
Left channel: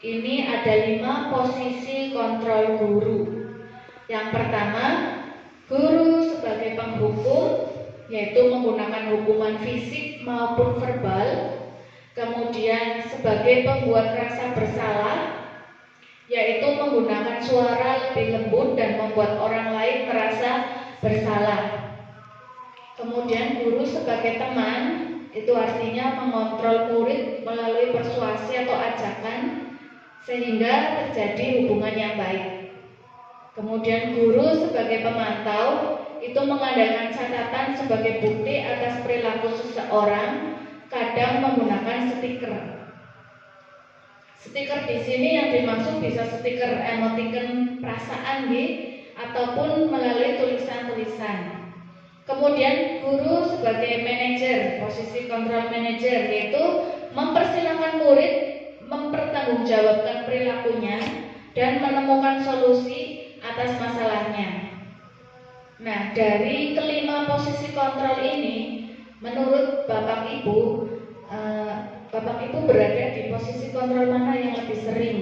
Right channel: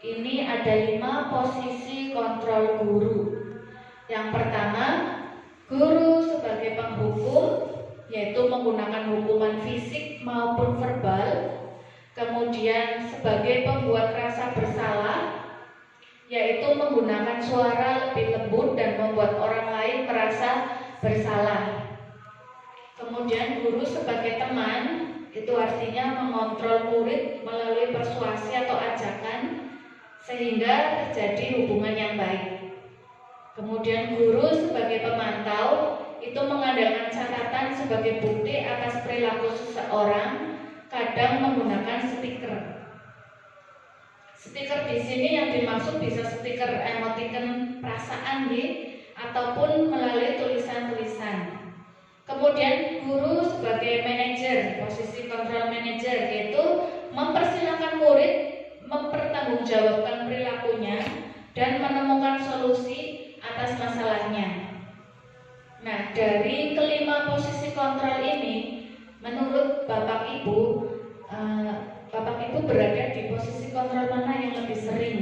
ini ada 5 posisi kontrol guru. Yang pertama, guru sebagai penghukum, yaitu menggunakan hukuman fisik maupun verbal. Kemudian sebagai pembuat rasa bersalah, yaitu menggunakan suara lebih lembut dan membuat orang lain merasa bersalah. Kemudian guru sebagai teman, itu artinya mengontrol murid melalui persuasi atau ajakan sehingga terjadi hubungan yang baik. Kemudian guru sebagai pemantau, itu mengandalkan catatan sebagai bukti atas perilaku seseorang, kadang menggunakan stiker. Stiker di sini yang dimaksud bisa stiker emoticon perasaan ataupun melalui tulisan-tulisan. Kemudian guru sebagai manajer, posisi kontrol manajer, yaitu mempersilahkan murid mempertanggungjawabkan perilakunya dan menemukan solusi atas masalahnya. Nah, dari kelima posisi kontrol ini, menurut Bapak Ibu berada di posisi kontrol mana yang lebih sering?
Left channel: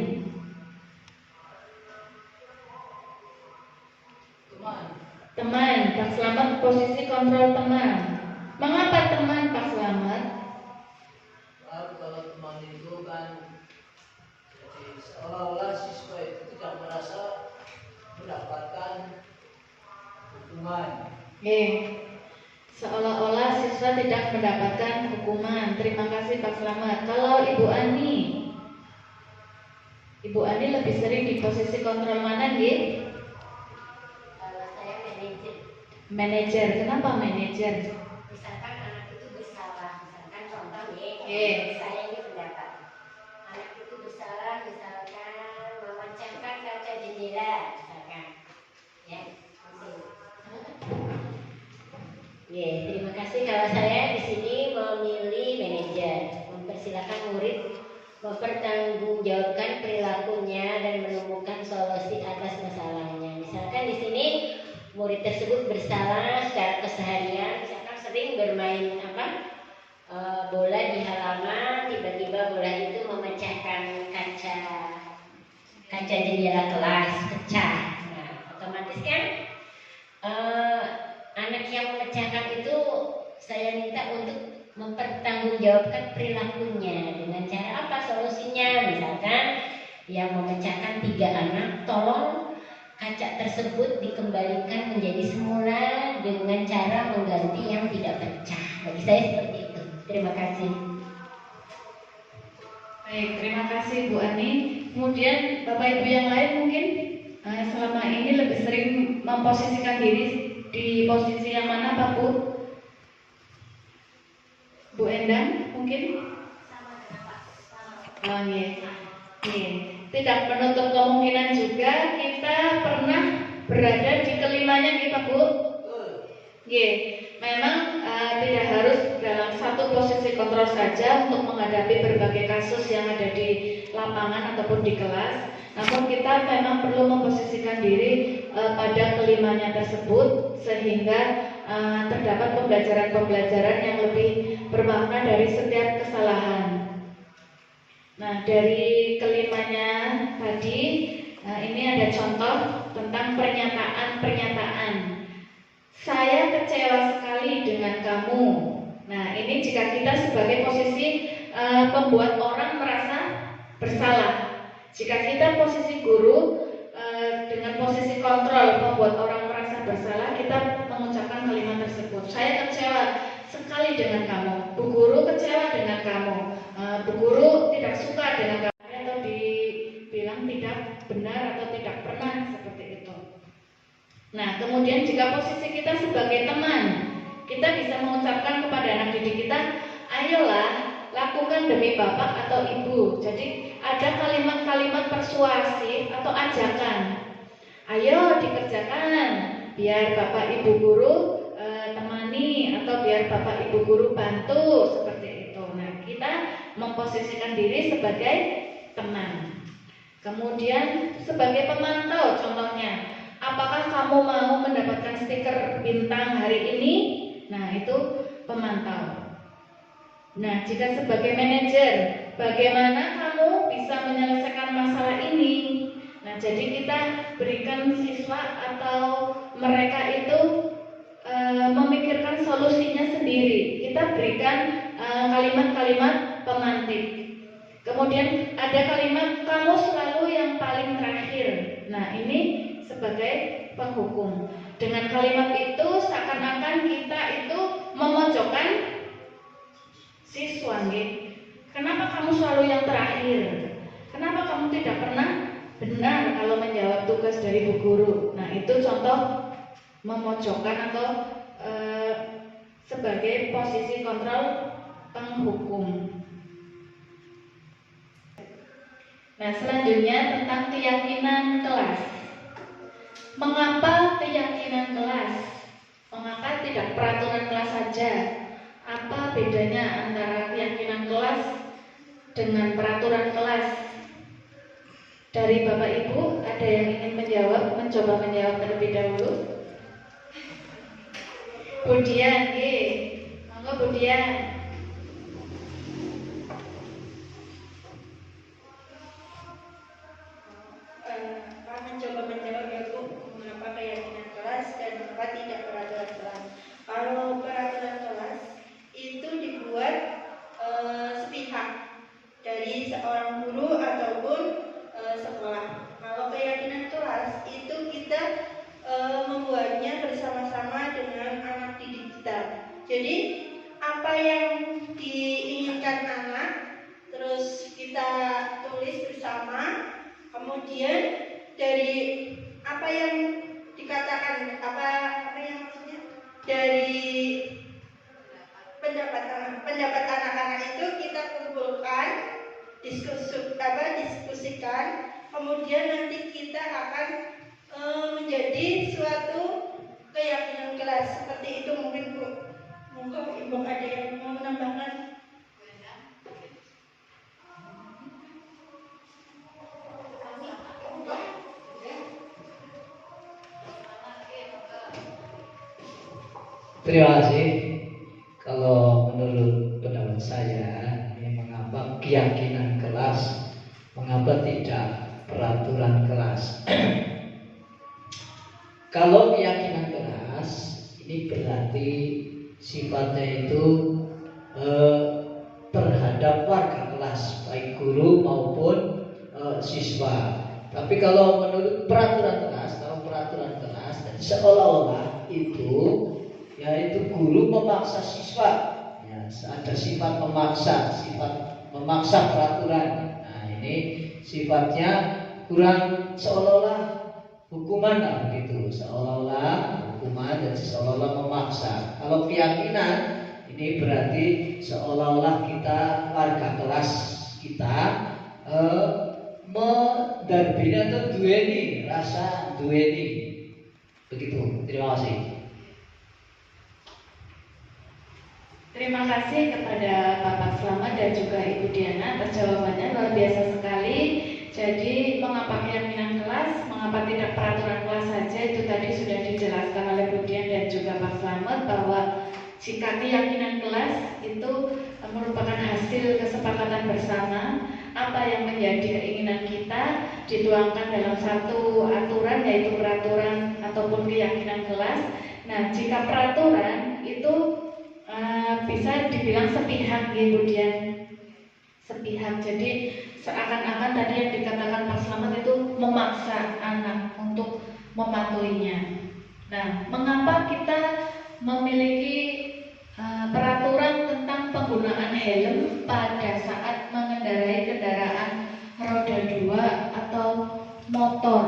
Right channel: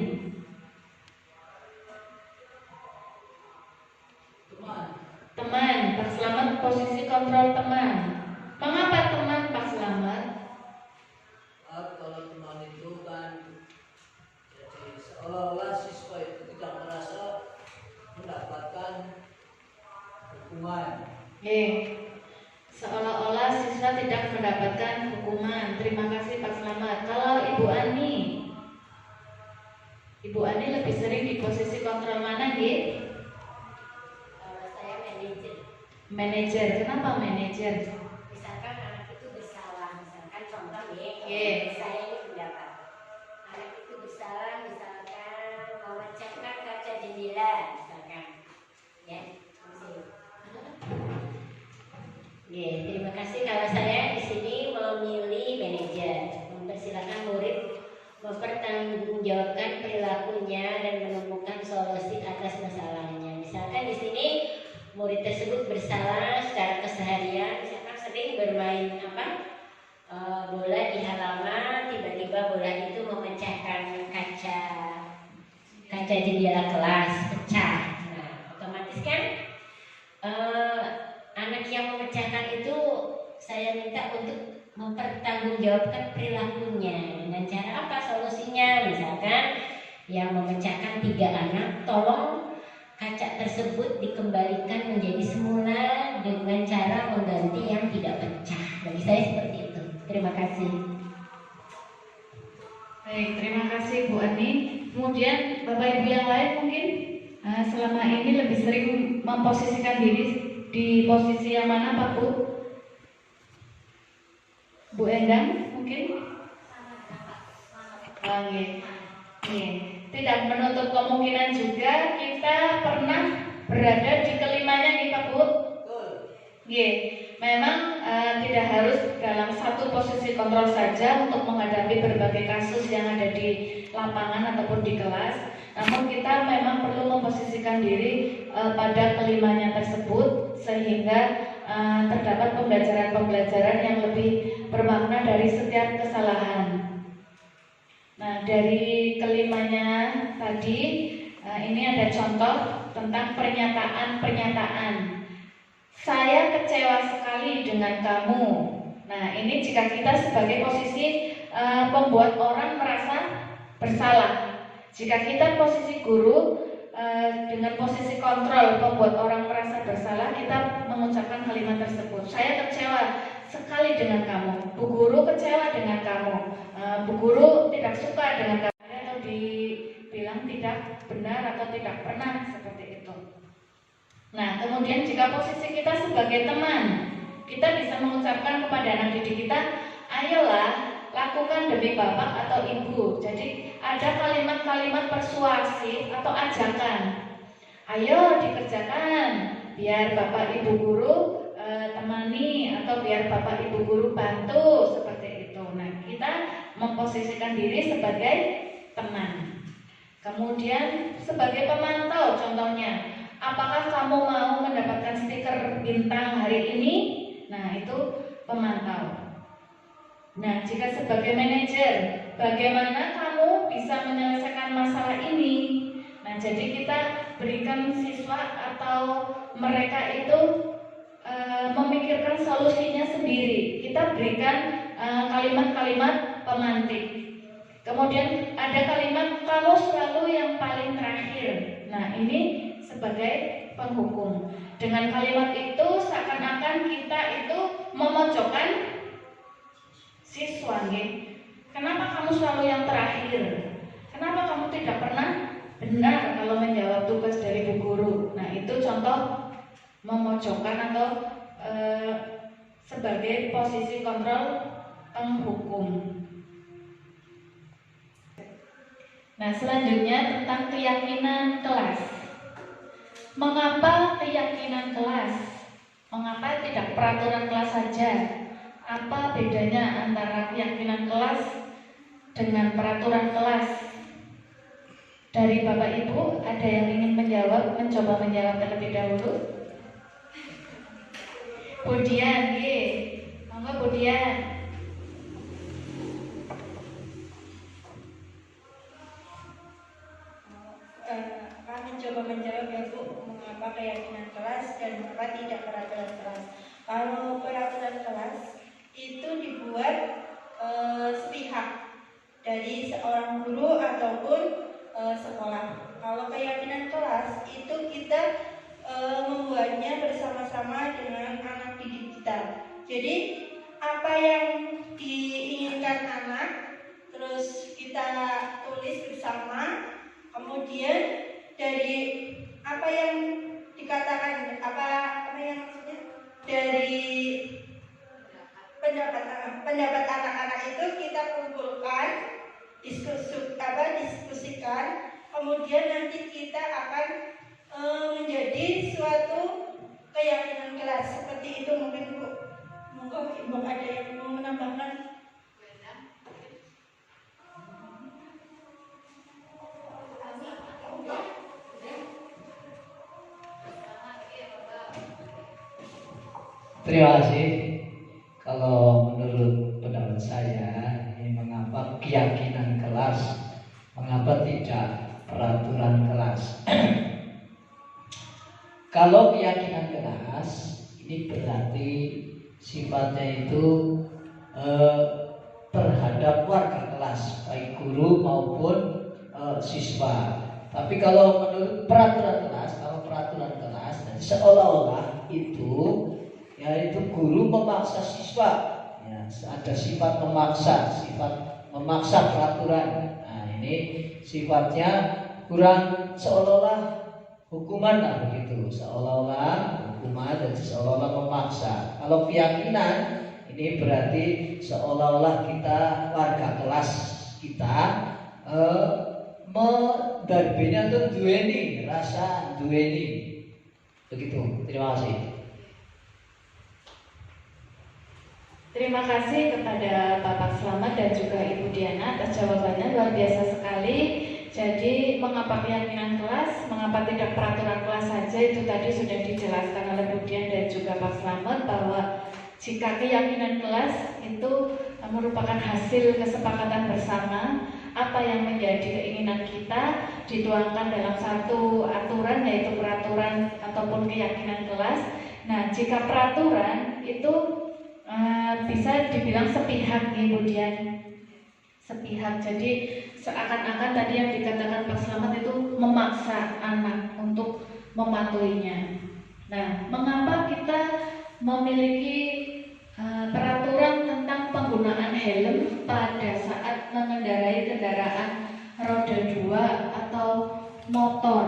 Teman, Pak Slamet posisi kontrol teman. Mengapa teman, Pak Slamet? Kalau teman itu kan jadi seolah-olah siswa itu tidak merasa mendapatkan hukuman. Seolah-olah siswa tidak mendapatkan hukuman. Terima kasih Pak Slamet. Kalau Ibu Ani lebih sering di posisi kontrol mana, Nggih? Kalau saya manajer. Manajer. Kenapa manajer? Misalkan anak itu bersalah, misalkan contoh Oke. saya ini pendapat. Anak itu bersalah, misalkan memecahkan kaca jendela, misalkan. Ya, terima kasih. Kalau saya di sini memilih manajer, mempersilahkan murid mempertanggungjawabkan perilakunya dan menemukan solusi atas masalahnya. Misalkan di sini murid tersebut bersalah secara keseharian, misalkan sering bermain bola di halaman, tiba-tiba bola itu memecahkan kaca jendela kelas, pecah. Nah, otomatis kan anak yang memecahkan itu saya minta untuk mempertanggungjawabkan perilakunya dengan cara apa solusinya. Misalkan yang memecahkan 3 anak, tolong kaca tersebut dikembalikan menjadi semula dengan cara mengganti yang tidak pecah. Bagi saya seperti itu. Terima kasih. Baik, terima kasih Bu Ani. Kemudian Bapak Ibu yang lain mungkin selama ini lebih sering memposisikan diri di posisi yang mana Pak Bu? Bu Endang mungkin? Tidak menutup kemungkinan juga kita pernah berada di kelimanya nih Pak Bu. Memang tidak harus dalam satu posisi kontrol saja untuk menghadapi berbagai kasus yang ada di lapangan ataupun di kelas. Namun kita memang perlu memposisikan diri pada kelimanya tersebut sehingga terdapat pembelajaran-pembelajaran yang lebih bermakna dari setiap kesalahan. Nah, dari kelimanya tadi ini ada contoh tentang pernyataan-pernyataan. Saya kecewa sekali dengan kamu. Nah, ini jika kita sebagai posisi pembuat orang merasa bersalah. Jika kita posisi guru dengan posisi kontrol membuat orang merasa bersalah, kita mengucapkan kalimat tersebut. Saya kecewa sekali dengan kamu. Bu guru kecewa dengan kamu. Bu guru tidak suka dengan kamu, atau dibilang tidak benar atau tidak pernah seperti itu. Nah, kemudian kemudian jika posisi kita sebagai teman, kita bisa mengucapkan kepada anak didik kita, ayolah lakukan demi bapak atau ibu. Jadi ada kalimat-kalimat persuasif atau ajakan. Ayo dikerjakan, biar bapak ibu guru temani, atau biar bapak ibu guru bantu, seperti itu. Nah, kita memposisikan diri sebagai teman. Kemudian sebagai pemantau, contohnya, apakah kamu mau mendapatkan stiker bintang hari ini? Nah, itu pemantau. Nah, jika sebagai manajer, bagaimana kamu bisa menyelesaikan masalah ini? Nah, jadi kita berikan siswa atau mereka itu memikirkan solusinya sendiri. Kita berikan kalimat-kalimat pemantik. Kemudian ada kalimat, kamu selalu yang paling terakhir. Nah, ini sebagai penghukum. Dengan kalimat itu seakan-akan kita itu memojokkan siswa. Kenapa kamu selalu yang terakhir? Kenapa kamu tidak pernah benar kalau menjawab tugas dari bu guru? Nah, itu contoh memojokkan atau sebagai posisi kontrol penghukum. Nah, selanjutnya tentang keyakinan kelas. Mengapa keyakinan kelas? Mengapa tidak peraturan kelas saja? Apa bedanya antara keyakinan kelas dengan peraturan kelas? Dari Bapak Ibu, ada yang ingin mencoba menjawab terlebih dahulu? Budian, monggo Budian. Mencoba menjawab ya Bu, mengapa keyakinan kelas dan mengapa tidak peraturan kelas. Kalau peraturan kelas itu dibuat sepihak dari seorang guru ataupun sekolah. Kalau keyakinan kelas itu kita membuatnya bersama-sama dengan anak didik kita. Jadi apa yang diinginkan anak terus kita tulis bersama, kemudian dari apa yang dikatakan, apa yang maksudnya dari pendapat anak-anak itu kita kumpulkan, diskusikan, kemudian nanti kita akan menjadi suatu keyakinan kelas. Seperti itu mungkin Bu. Monggo Ibu ada yang mau menambahkan? Terima kasih. Kalau menurut pendapat saya, ini mengapa keyakinan kelas, mengapa tidak peraturan kelas? Kalau keyakinan kelas, ini berarti sifatnya itu terhadap warga kelas, baik guru maupun siswa. Tapi kalau menurut peraturan kelas, seolah-olah itu yaitu guru memaksa siswa, ya, ada sifat memaksa peraturan. Nah, ini sifatnya kurang, seolah-olah hukuman lah begitu, seolah-olah hukuman dan seolah-olah memaksa. Kalau keyakinan ini berarti seolah-olah kita warga kelas kita mendarbina tuh duweni rasa duweni begitu. Terima kasih. Terima kasih kepada Bapak Slamet dan juga Ibu Diana atas jawabannya, luar biasa sekali. Jadi mengapa keyakinan kelas, mengapa tidak peraturan kelas saja, itu tadi sudah dijelaskan oleh Bu Dian dan juga Pak Slamet, bahwa jika keyakinan kelas itu merupakan hasil kesepakatan bersama, apa yang menjadi keinginan kita dituangkan dalam satu aturan, yaitu peraturan ataupun keyakinan kelas. Nah, jika peraturan itu bisa dibilang sepihak, kemudian sepihak. Jadi seakan-akan tadi yang dikatakan Pak Slamet itu memaksa anak untuk mematuhinya. Nah, mengapa kita memiliki peraturan tentang penggunaan helm pada saat mengendarai kendaraan roda 2 atau motor?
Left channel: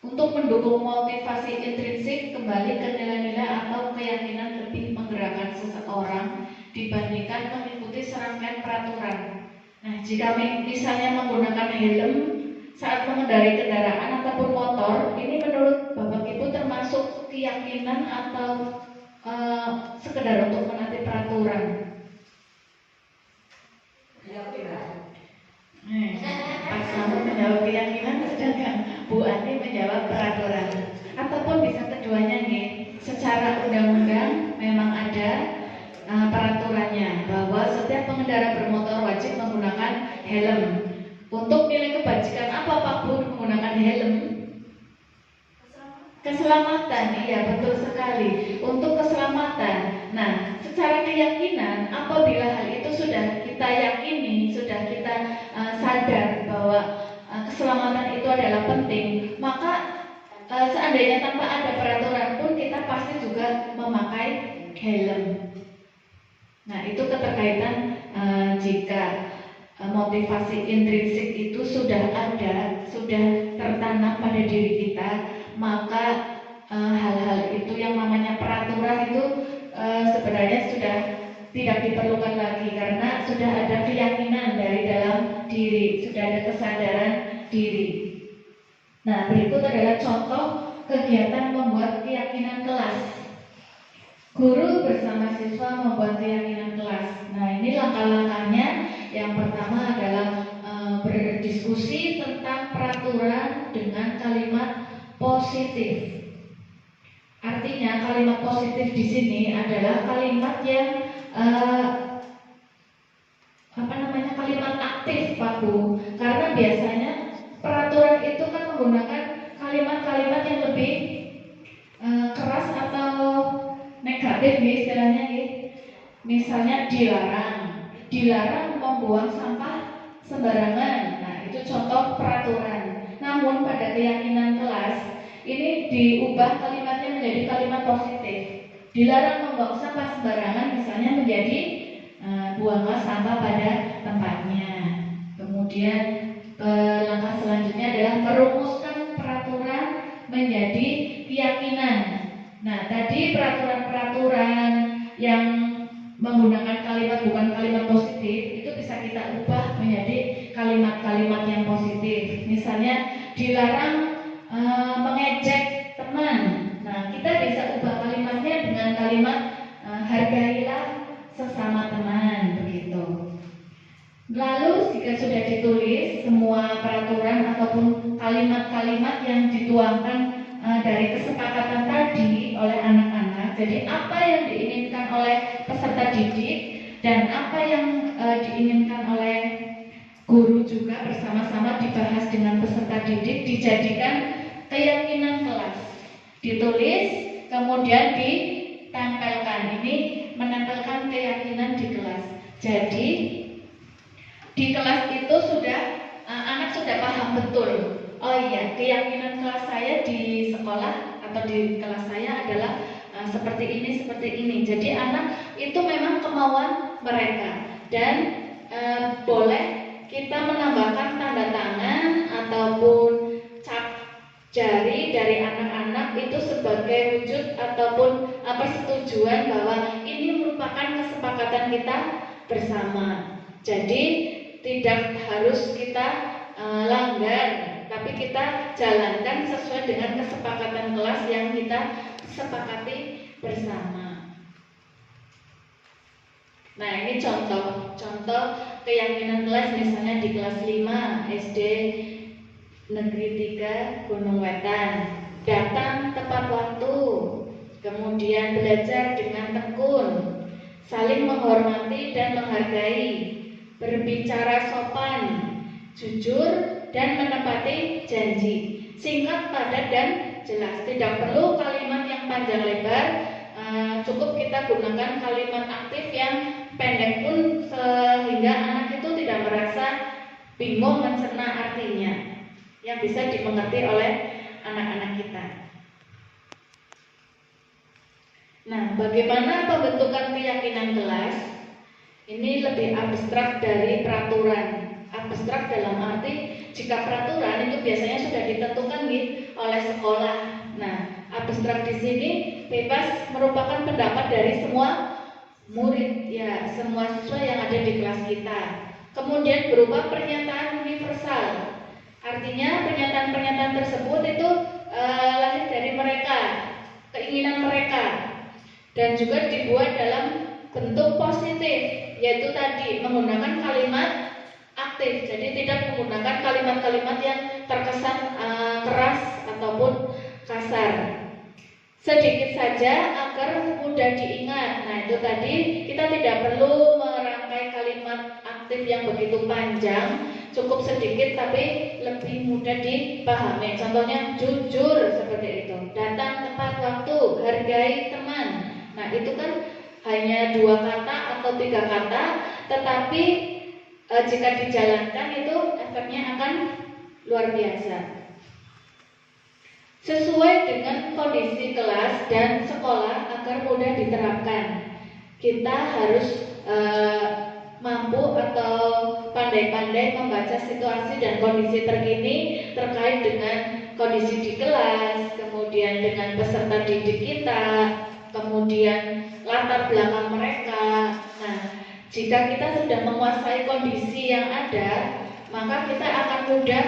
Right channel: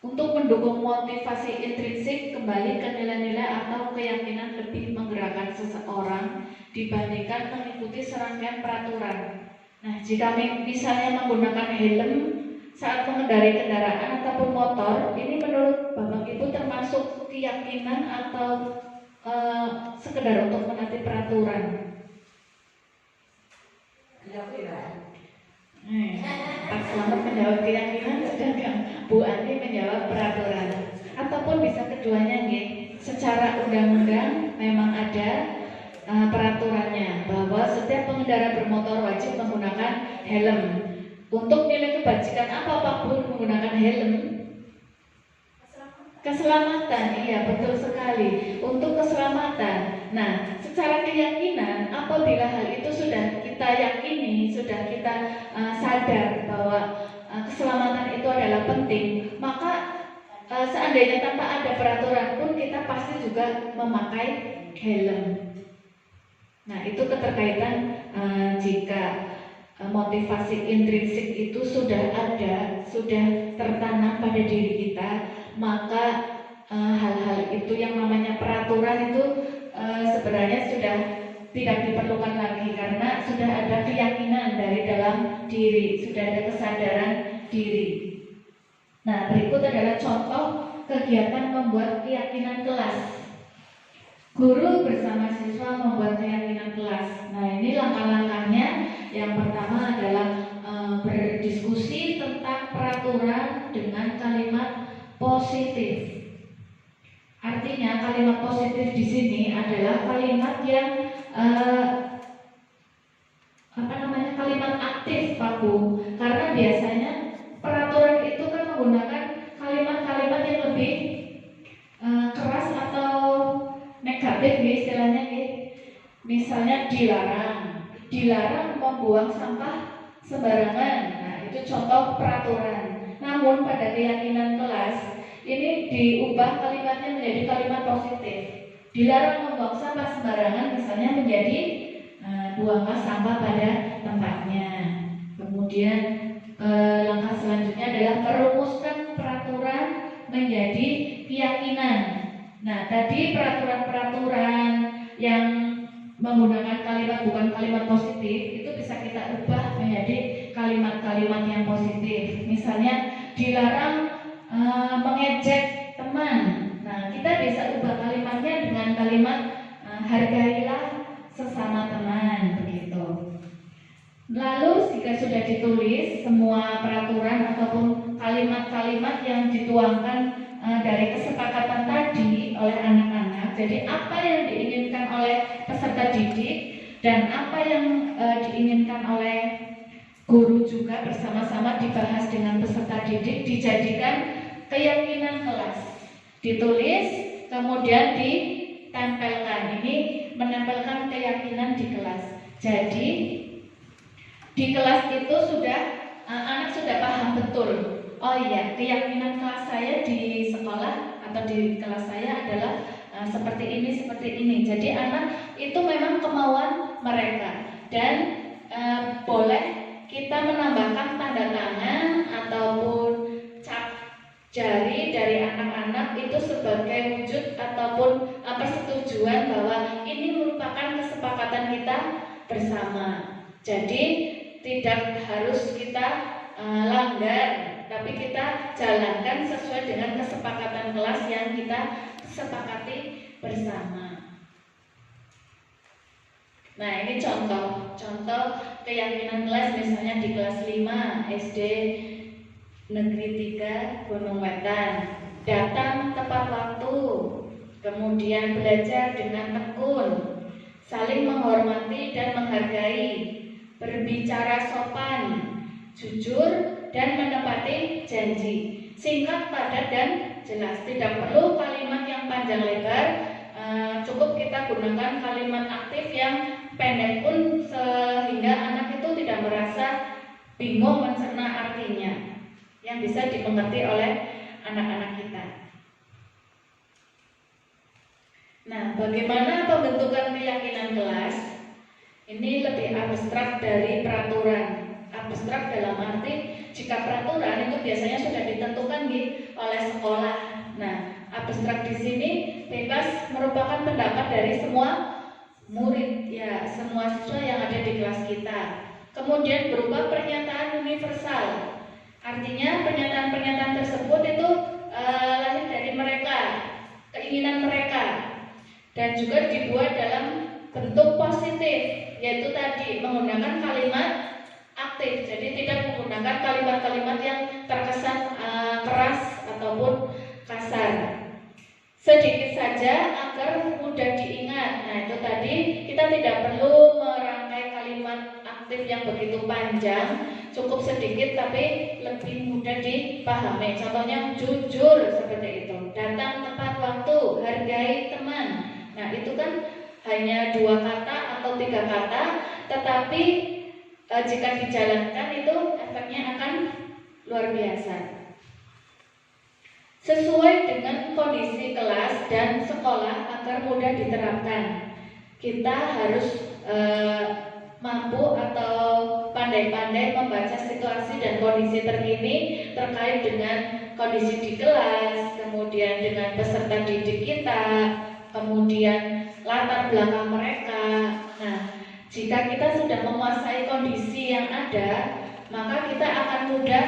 Untuk untuk mendukung motivasi intrinsik kembali ke nilai-nilai atau keyakinan lebih menggerakkan seseorang dibandingkan mengikuti serangkaian peraturan. Nah, jika misalnya menggunakan helm saat mengendarai kendaraan ataupun motor, ini menurut Bapak Ibu termasuk keyakinan atau sekedar untuk menaati peraturan? Pak Selamat menjawab keyakinan, sedangkan Bu Andi menjawab peraturan. Ataupun bisa keduanya nih, secara undang-undang memang ada peraturannya bahwa setiap pengendara bermotor wajib menggunakan helm. Untuk nilai kebajikan apa Pak Bu menggunakan helm? Keselamatan, iya betul sekali. Untuk keselamatan. Nah, secara keyakinan, apabila hal itu sudah kita yakini, sudah kita sadar bahwa keselamatan itu adalah penting, maka seandainya tanpa ada peraturan pun kita pasti juga memakai helm. Nah, itu keterkaitan jika motivasi intrinsik itu sudah ada, sudah tertanam pada diri kita, maka hal-hal itu yang namanya peraturan itu sebenarnya sudah tidak diperlukan lagi karena sudah ada keyakinan dari dalam diri, sudah ada kesadaran diri. Nah, berikut adalah contoh kegiatan membuat keyakinan kelas. Guru bersama siswa membuat keyakinan kelas. Nah, ini langkah-langkahnya. Yang pertama adalah berdiskusi tentang peraturan dengan kalimat positif. Artinya kalimat positif di sini adalah kalimat yang kalimat aktif, Pak Bu. Karena biasanya peraturan itu kan menggunakan kalimat-kalimat yang lebih keras atau negatif nih istilahnya nih. Misalnya dilarang membuang sampah sembarangan. Nah, itu contoh peraturan. Namun pada keyakinan kelas ini diubah kalimatnya menjadi kalimat positif. Dilarang membuang sampah sembarangan misalnya menjadi buanglah sampah pada tempatnya. Kemudian langkah selanjutnya adalah merumuskan peraturan menjadi keyakinan. Nah, tadi peraturan-peraturan yang menggunakan kalimat bukan kalimat positif itu bisa kita ubah menjadi kalimat-kalimat yang positif. Misalnya dilarang mengejek teman. Nah, kita bisa ubah kalimatnya dengan kalimat hargailah sesama teman, begitu. Lalu jika sudah ditulis semua peraturan ataupun kalimat-kalimat yang dituangkan dari kesepakatan tadi oleh anak-anak, jadi apa yang diinginkan oleh peserta didik dan apa yang diinginkan oleh guru juga bersama-sama dibahas dengan peserta didik, dijadikan keyakinan kelas, ditulis kemudian ditempelkan. Ini menempelkan keyakinan di kelas. Jadi di kelas itu sudah anak sudah paham betul. Oh iya, keyakinan kelas saya di sekolah atau di kelas saya adalah seperti ini. Jadi anak itu memang kemauan mereka dan boleh kita menambahkan tanda tangan ataupun cap jari dari anak-anak itu sebagai wujud ataupun persetujuan bahwa ini merupakan kesepakatan kita bersama. Jadi tidak harus kita langgar, tapi kita jalankan sesuai dengan kesepakatan kelas yang kita sepakati bersama. Nah, ini contoh keyakinan kelas misalnya di kelas 5 SD Negeri 3 Gunung Wetan. Datang tepat waktu, kemudian belajar dengan tekun, saling menghormati dan menghargai, berbicara sopan, jujur dan menepati janji. Singkat, padat dan jelas. Tidak perlu kalimat yang panjang lebar, cukup kita gunakan kalimat aktif yang pendek pun sehingga anak itu tidak merasa bingung mencerna artinya, yang bisa dimengerti oleh anak-anak kita. Nah, bagaimana pembentukan keyakinan kelas? Ini lebih abstrak dari peraturan Abstrak dalam arti jika peraturan itu biasanya sudah ditentukan oleh sekolah. Nah, abstrak di sini bebas merupakan pendapat dari semua murid, ya, semua siswa yang ada di kelas kita. Kemudian berupa pernyataan universal. Artinya pernyataan-pernyataan tersebut itu lahir dari mereka, keinginan mereka, dan juga dibuat dalam bentuk positif, yaitu tadi menggunakan kalimat aktif. Jadi tidak menggunakan kalimat-kalimat yang terkesan keras ataupun kasar. Sedikit saja agar mudah diingat. Nah, itu tadi kita tidak perlu merangkai kalimat aktif yang begitu panjang, cukup sedikit tapi lebih mudah dipahami. Contohnya jujur seperti itu, datang tepat waktu, hargai teman. Nah, itu kan hanya 2 kata atau 3 kata, tetapi jika dijalankan itu efeknya akan luar biasa. Sesuai dengan kondisi kelas dan sekolah agar mudah diterapkan, kita harus mampu atau pandai-pandai membaca situasi dan kondisi terkini terkait dengan kondisi di kelas, kemudian dengan peserta didik kita, kemudian latar belakang mereka. Nah, jika kita sudah menguasai kondisi yang ada, maka kita akan mudah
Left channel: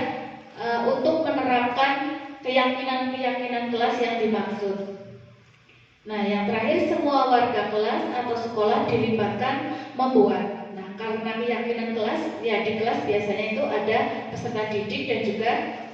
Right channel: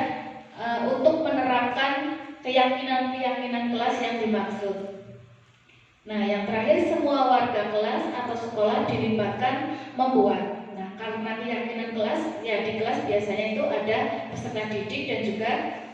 untuk menerapkan keyakinan-keyakinan kelas yang dimaksud. Nah, yang terakhir, semua warga kelas atau sekolah dilibatkan membuat. Nah, karena keyakinan kelas, ya di kelas biasanya itu ada peserta didik dan juga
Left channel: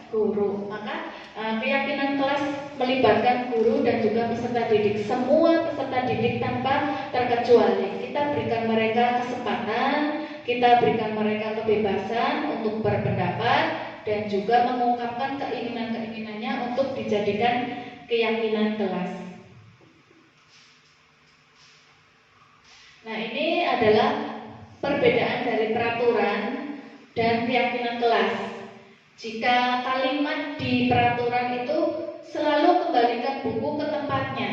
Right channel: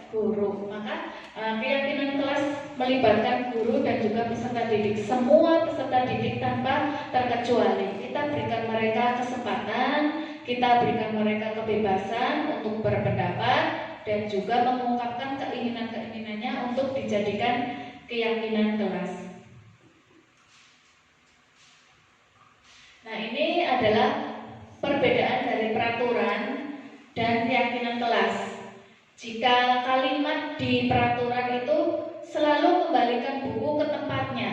guru. Maka keyakinan kelas melibatkan guru dan juga peserta didik. Semua peserta didik tanpa terkecuali. Kita berikan mereka kesempatan, kita berikan mereka kebebasan untuk berpendapat dan juga mengungkapkan keinginan-keinginannya untuk dijadikan keyakinan kelas. Nah, ini adalah perbedaan dari peraturan dan keyakinan kelas. Jika kalimat di peraturan itu selalu kembalikan buku ke tempatnya,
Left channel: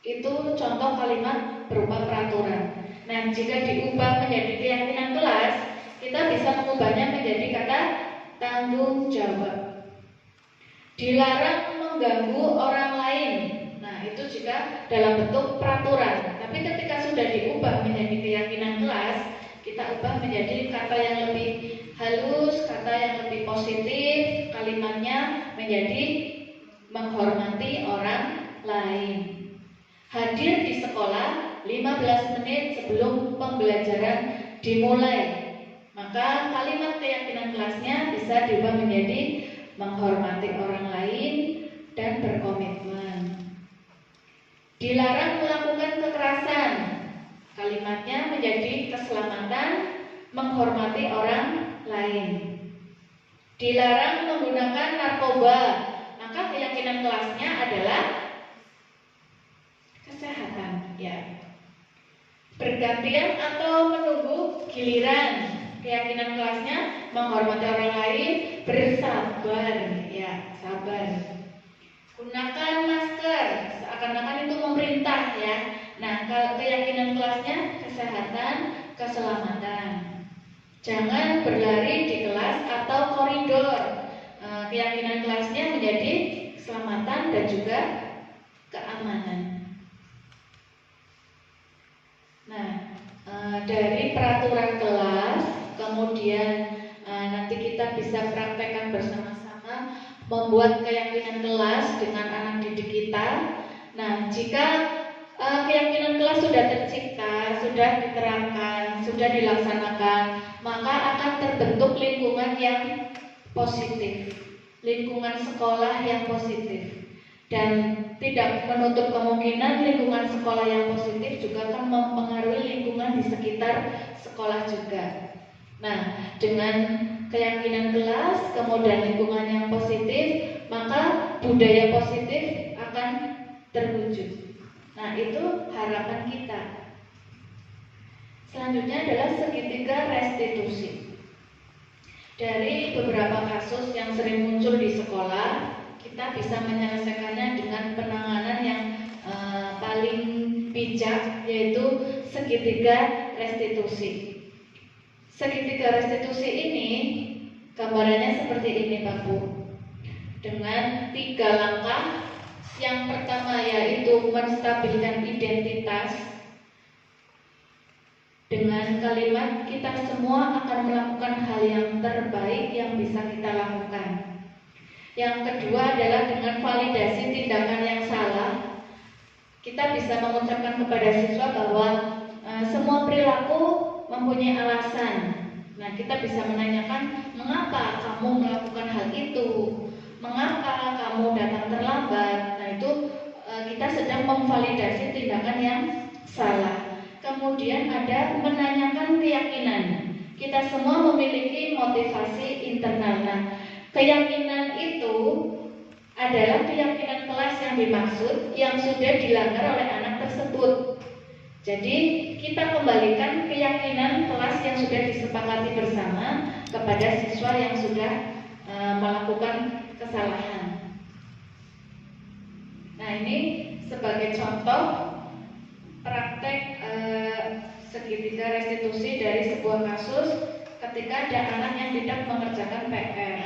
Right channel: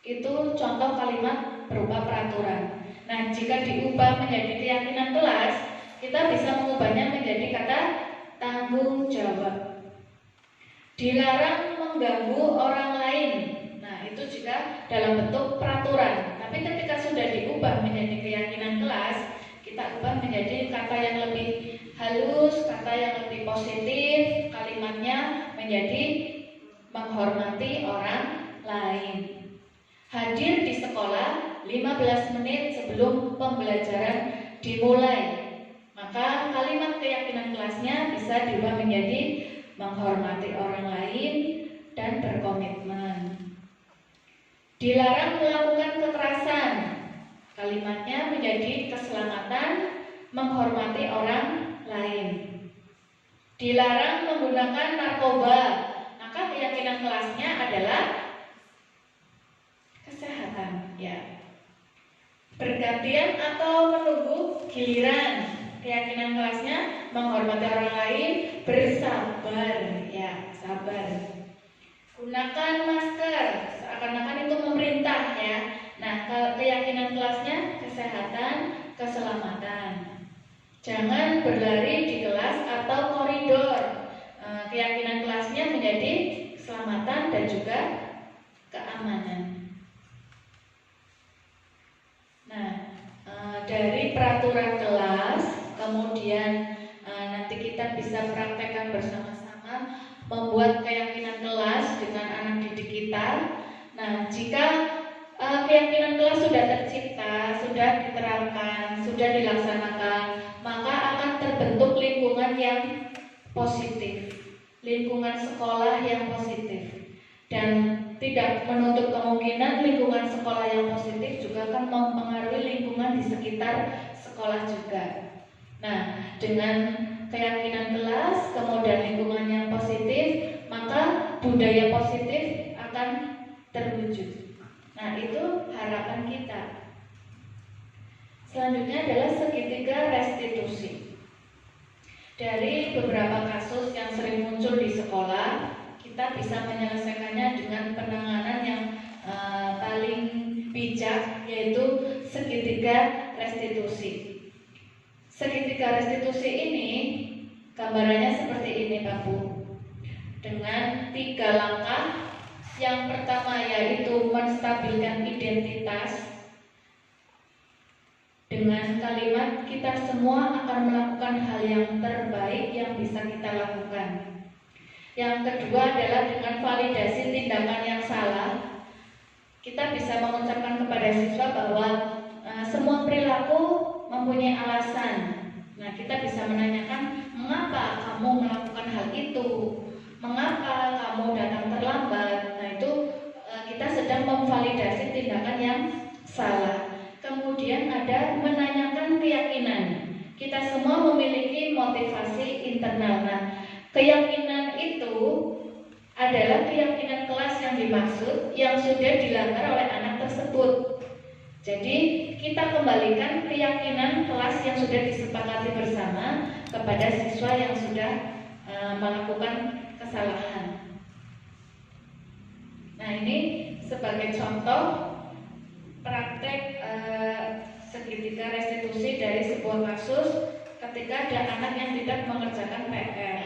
itu contoh kalimat berupa peraturan. Nah, jika diubah menjadi keyakinan kelas, kita bisa mengubahnya menjadi kata tanggung jawab. Dilarang mengganggu orang lain. Nah, itu jika dalam bentuk peraturan. Tapi ketika sudah diubah menjadi keyakinan kelas, kita ubah menjadi kata yang lebih halus, kata yang lebih positif, kalimatnya menjadi menghormati orang lain. Hadir di sekolah 15 menit sebelum pembelajaran dimulai. Maka kalimat keyakinan kelasnya bisa diubah menjadi menghormati orang lain dan berkomitmen. Dilarang melakukan kekerasan. Kalimatnya menjadi keselamatan, menghormati orang lain. Dilarang menggunakan narkoba. Maka keyakinan kelasnya adalah kesehatan, ya. Bergantian atau menunggu giliran. Keyakinan kelasnya menghormati orang lain, bersabar, ya, sabar. Gunakan masker, seakan-akan itu memerintah, ya. Nah, keyakinan kelasnya kesehatan, keselamatan. Jangan berlari di kelas atau koridor. Keyakinan kelasnya menjadi keselamatan dan juga keamanan. Nah, dari peraturan kelas, kemudian nanti kita bisa praktekkan bersama-sama membuat keyakinan kelas dengan anak didik kita. Nah, jika keyakinan kelas sudah tercipta, sudah diterapkan, sudah dilaksanakan, maka akan terbentuk lingkungan yang positif, lingkungan sekolah yang positif. Dan tidak menutup kemungkinan lingkungan sekolah yang positif juga akan mempengaruhi lingkungan di sekitar sekolah juga. Nah, dengan keyakinan kelas, kemudian lingkungan yang positif, maka budaya positif akan terwujud. Nah, itu harapan kita. Selanjutnya adalah segitiga restitusi. Dari beberapa kasus yang sering muncul di sekolah, kita bisa menyelesaikannya dengan penanganan yang paling bijak, yaitu segitiga restitusi. segitiga restitusi ini gambarannya seperti ini Pak Bu, dengan 3 langkah. Yang pertama yaitu menstabilkan identitas dengan kalimat kita semua akan melakukan hal yang terbaik yang bisa kita lakukan. Yang kedua adalah dengan validasi tindakan yang salah. Kita bisa mengucapkan kepada siswa bahwa semua perilaku mempunyai alasan. Nah, kita bisa menanyakan, mengapa kamu melakukan hal itu? Mengapa kamu datang terlambat? Nah, itu kita sedang memvalidasi tindakan yang salah. Kemudian ada menanyakan keyakinan. Kita semua memiliki motivasi internal. Nah, keyakinan itu adalah keyakinan kelas yang dimaksud yang sudah dilanggar oleh anak tersebut. Jadi kita kembalikan keyakinan kelas yang sudah disepakati bersama kepada siswa yang sudah melakukan kesalahan. Nah, ini sebagai contoh praktek segitiga restitusi dari sebuah kasus ketika ada anak yang tidak mengerjakan PR.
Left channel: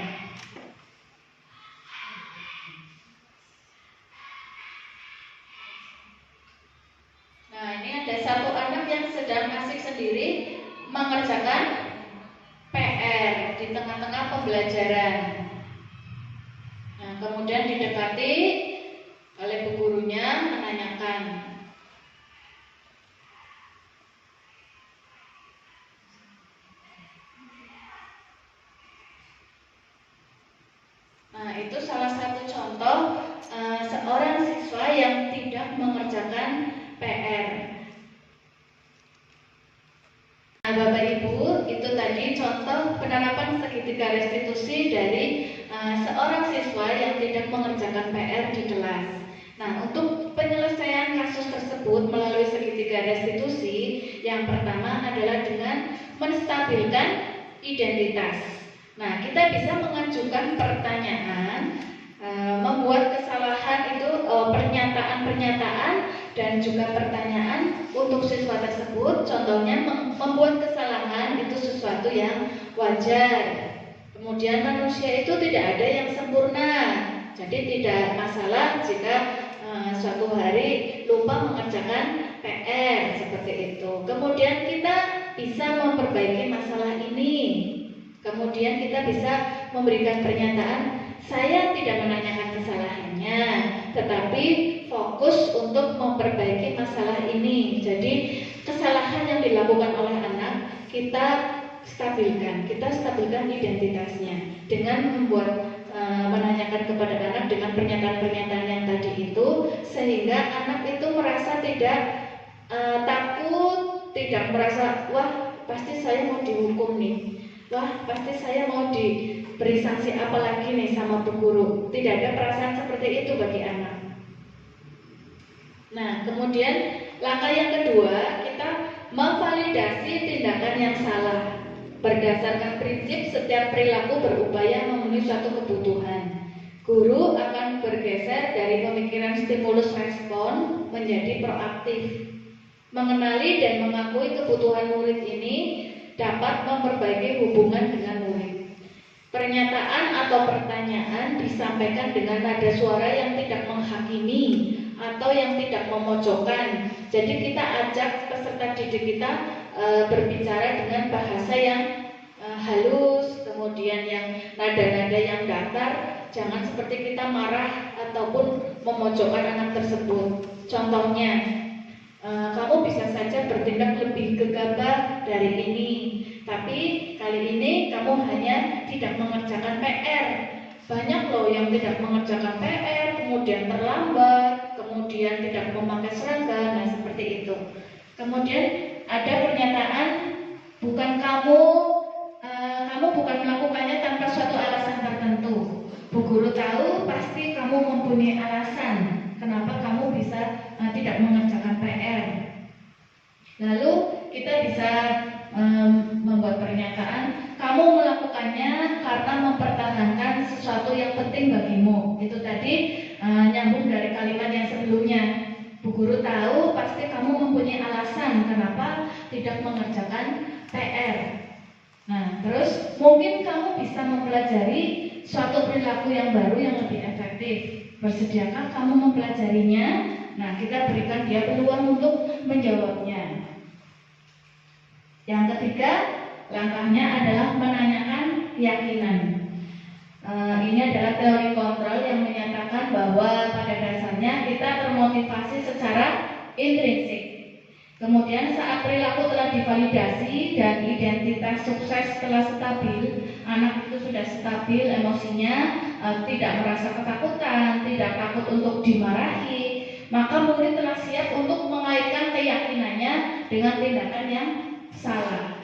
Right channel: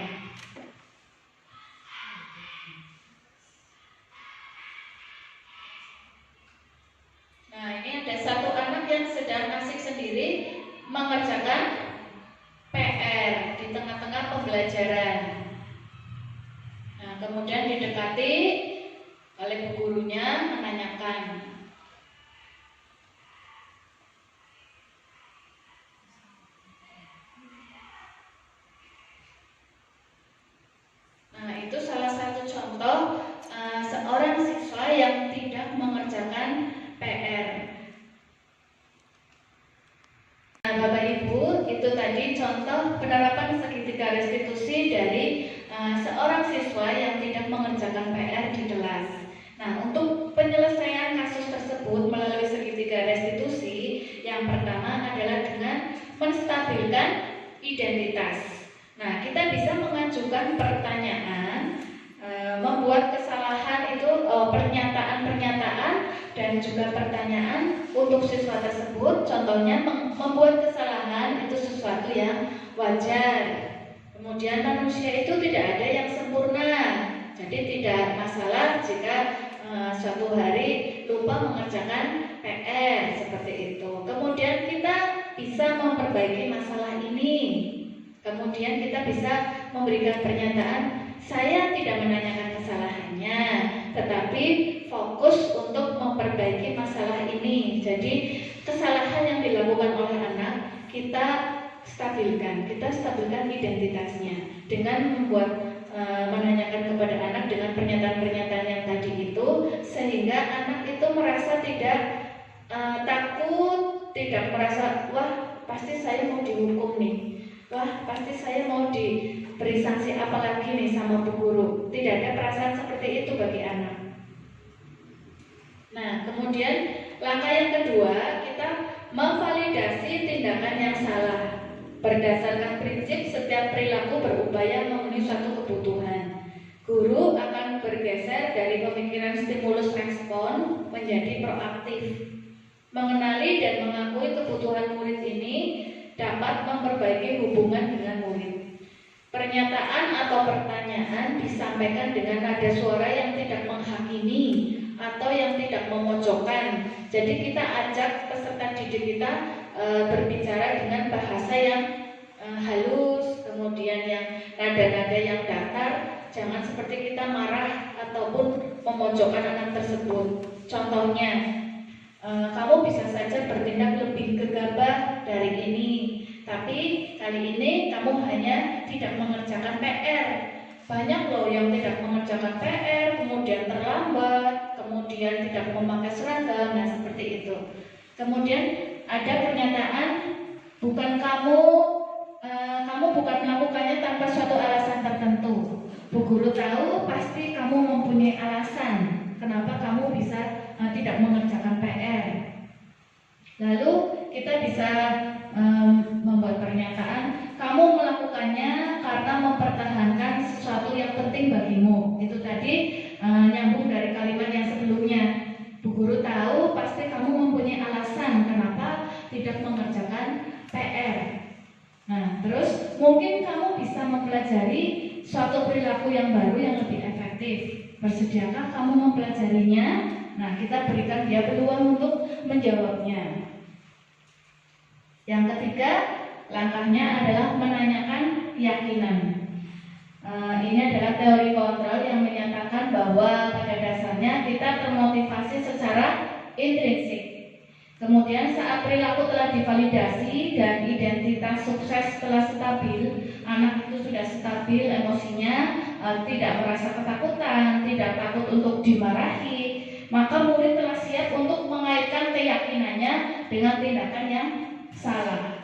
Nah, ini ada satu anak yang sedang asik sendiri mengerjakan PR di tengah-tengah pembelajaran. Nah, kemudian didekati oleh bu gurunya menanyakan, nah, itu salah satu contoh seorang siswa yang tidak mengerjakan PR. Nah, Bapak Ibu, itu tadi contoh penerapan segitiga restitusi dari seorang siswa yang tidak mengerjakan PR di kelas. Nah, untuk penyelesaian kasus tersebut melalui segitiga restitusi, yang pertama adalah dengan menstabilkan identitas. Nah, kita bisa mengajukan pertanyaan, membuat kesalahan itu pernyataan-pernyataan dan juga pertanyaan untuk siswa tersebut. Contohnya membuat kesalahan itu sesuatu yang wajar. Kemudian manusia itu tidak ada yang sempurna. Jadi tidak masalah jika suatu hari lupa mengerjakan PR seperti itu. Kemudian kita bisa memperbaiki masalah ini. Kemudian kita bisa memberikan pernyataan, saya tidak menanyakan kesalahannya, tetapi fokus untuk memperbaiki masalah ini. Jadi kesalahan yang dilakukan oleh anak kita stabilkan identitasnya dengan membuat menanyakan kepada anak dengan pernyataan-pernyataan yang tadi itu, sehingga anak itu merasa tidak takut, tidak merasa wah pasti saya mau dihukum nih. Wah, pasti saya mau diberi sanksi apa lagi nih sama bu guru. Tidak ada perasaan seperti itu bagi anak. Nah, kemudian langkah yang kedua, kita memvalidasi tindakan yang salah. Berdasarkan prinsip setiap perilaku berupaya memenuhi suatu kebutuhan. Guru akan bergeser dari pemikiran stimulus respon menjadi proaktif. Mengenali dan mengakui kebutuhan murid ini dapat memperbaiki hubungan dengan murid. Pernyataan atau pertanyaan disampaikan dengan nada suara yang tidak menghakimi atau yang tidak memojokkan. Jadi kita ajak peserta didik kita berbicara dengan bahasa yang halus, kemudian yang nada-nada yang datar. Jangan seperti kita marah ataupun memojokkan anak tersebut. Contohnya, kamu bisa saja bertindak lebih gegabah dari ini, tapi kali ini kamu hanya tidak mengerjakan PR. Banyak loh yang tidak mengerjakan PR, kemudian terlambat, kemudian tidak memakai seragam, nah seperti itu. Kemudian ada pernyataan, kamu bukan melakukannya tanpa suatu alasan tertentu. Bu guru tahu pasti kamu mempunyai alasan kenapa kamu bisa tidak mengerjakan PR. Lalu kita bisa membuat pernyataan, kamu melakukannya karena mempertahankan sesuatu yang penting bagimu. Itu tadi nyambung dari kalimat yang sebelumnya. Bu guru tahu pasti kamu mempunyai alasan kenapa tidak mengerjakan PR. Nah, terus mungkin kamu bisa mempelajari suatu perilaku yang baru yang lebih efektif. Bersediakah kamu mempelajarinya? Nah, kita berikan dia peluang untuk menjawabnya. Yang ketiga, langkahnya adalah menanyakan keyakinan. Ini adalah teori kontrol yang menyatakan bahwa pada dasarnya kita termotivasi secara intrinsik. Kemudian saat perilaku telah divalidasi dan identitas sukses telah stabil, anak itu sudah stabil emosinya, tidak merasa ketakutan, tidak takut untuk dimarahi, maka murid telah siap untuk mengaitkan keyakinannya dengan tindakan yang salah.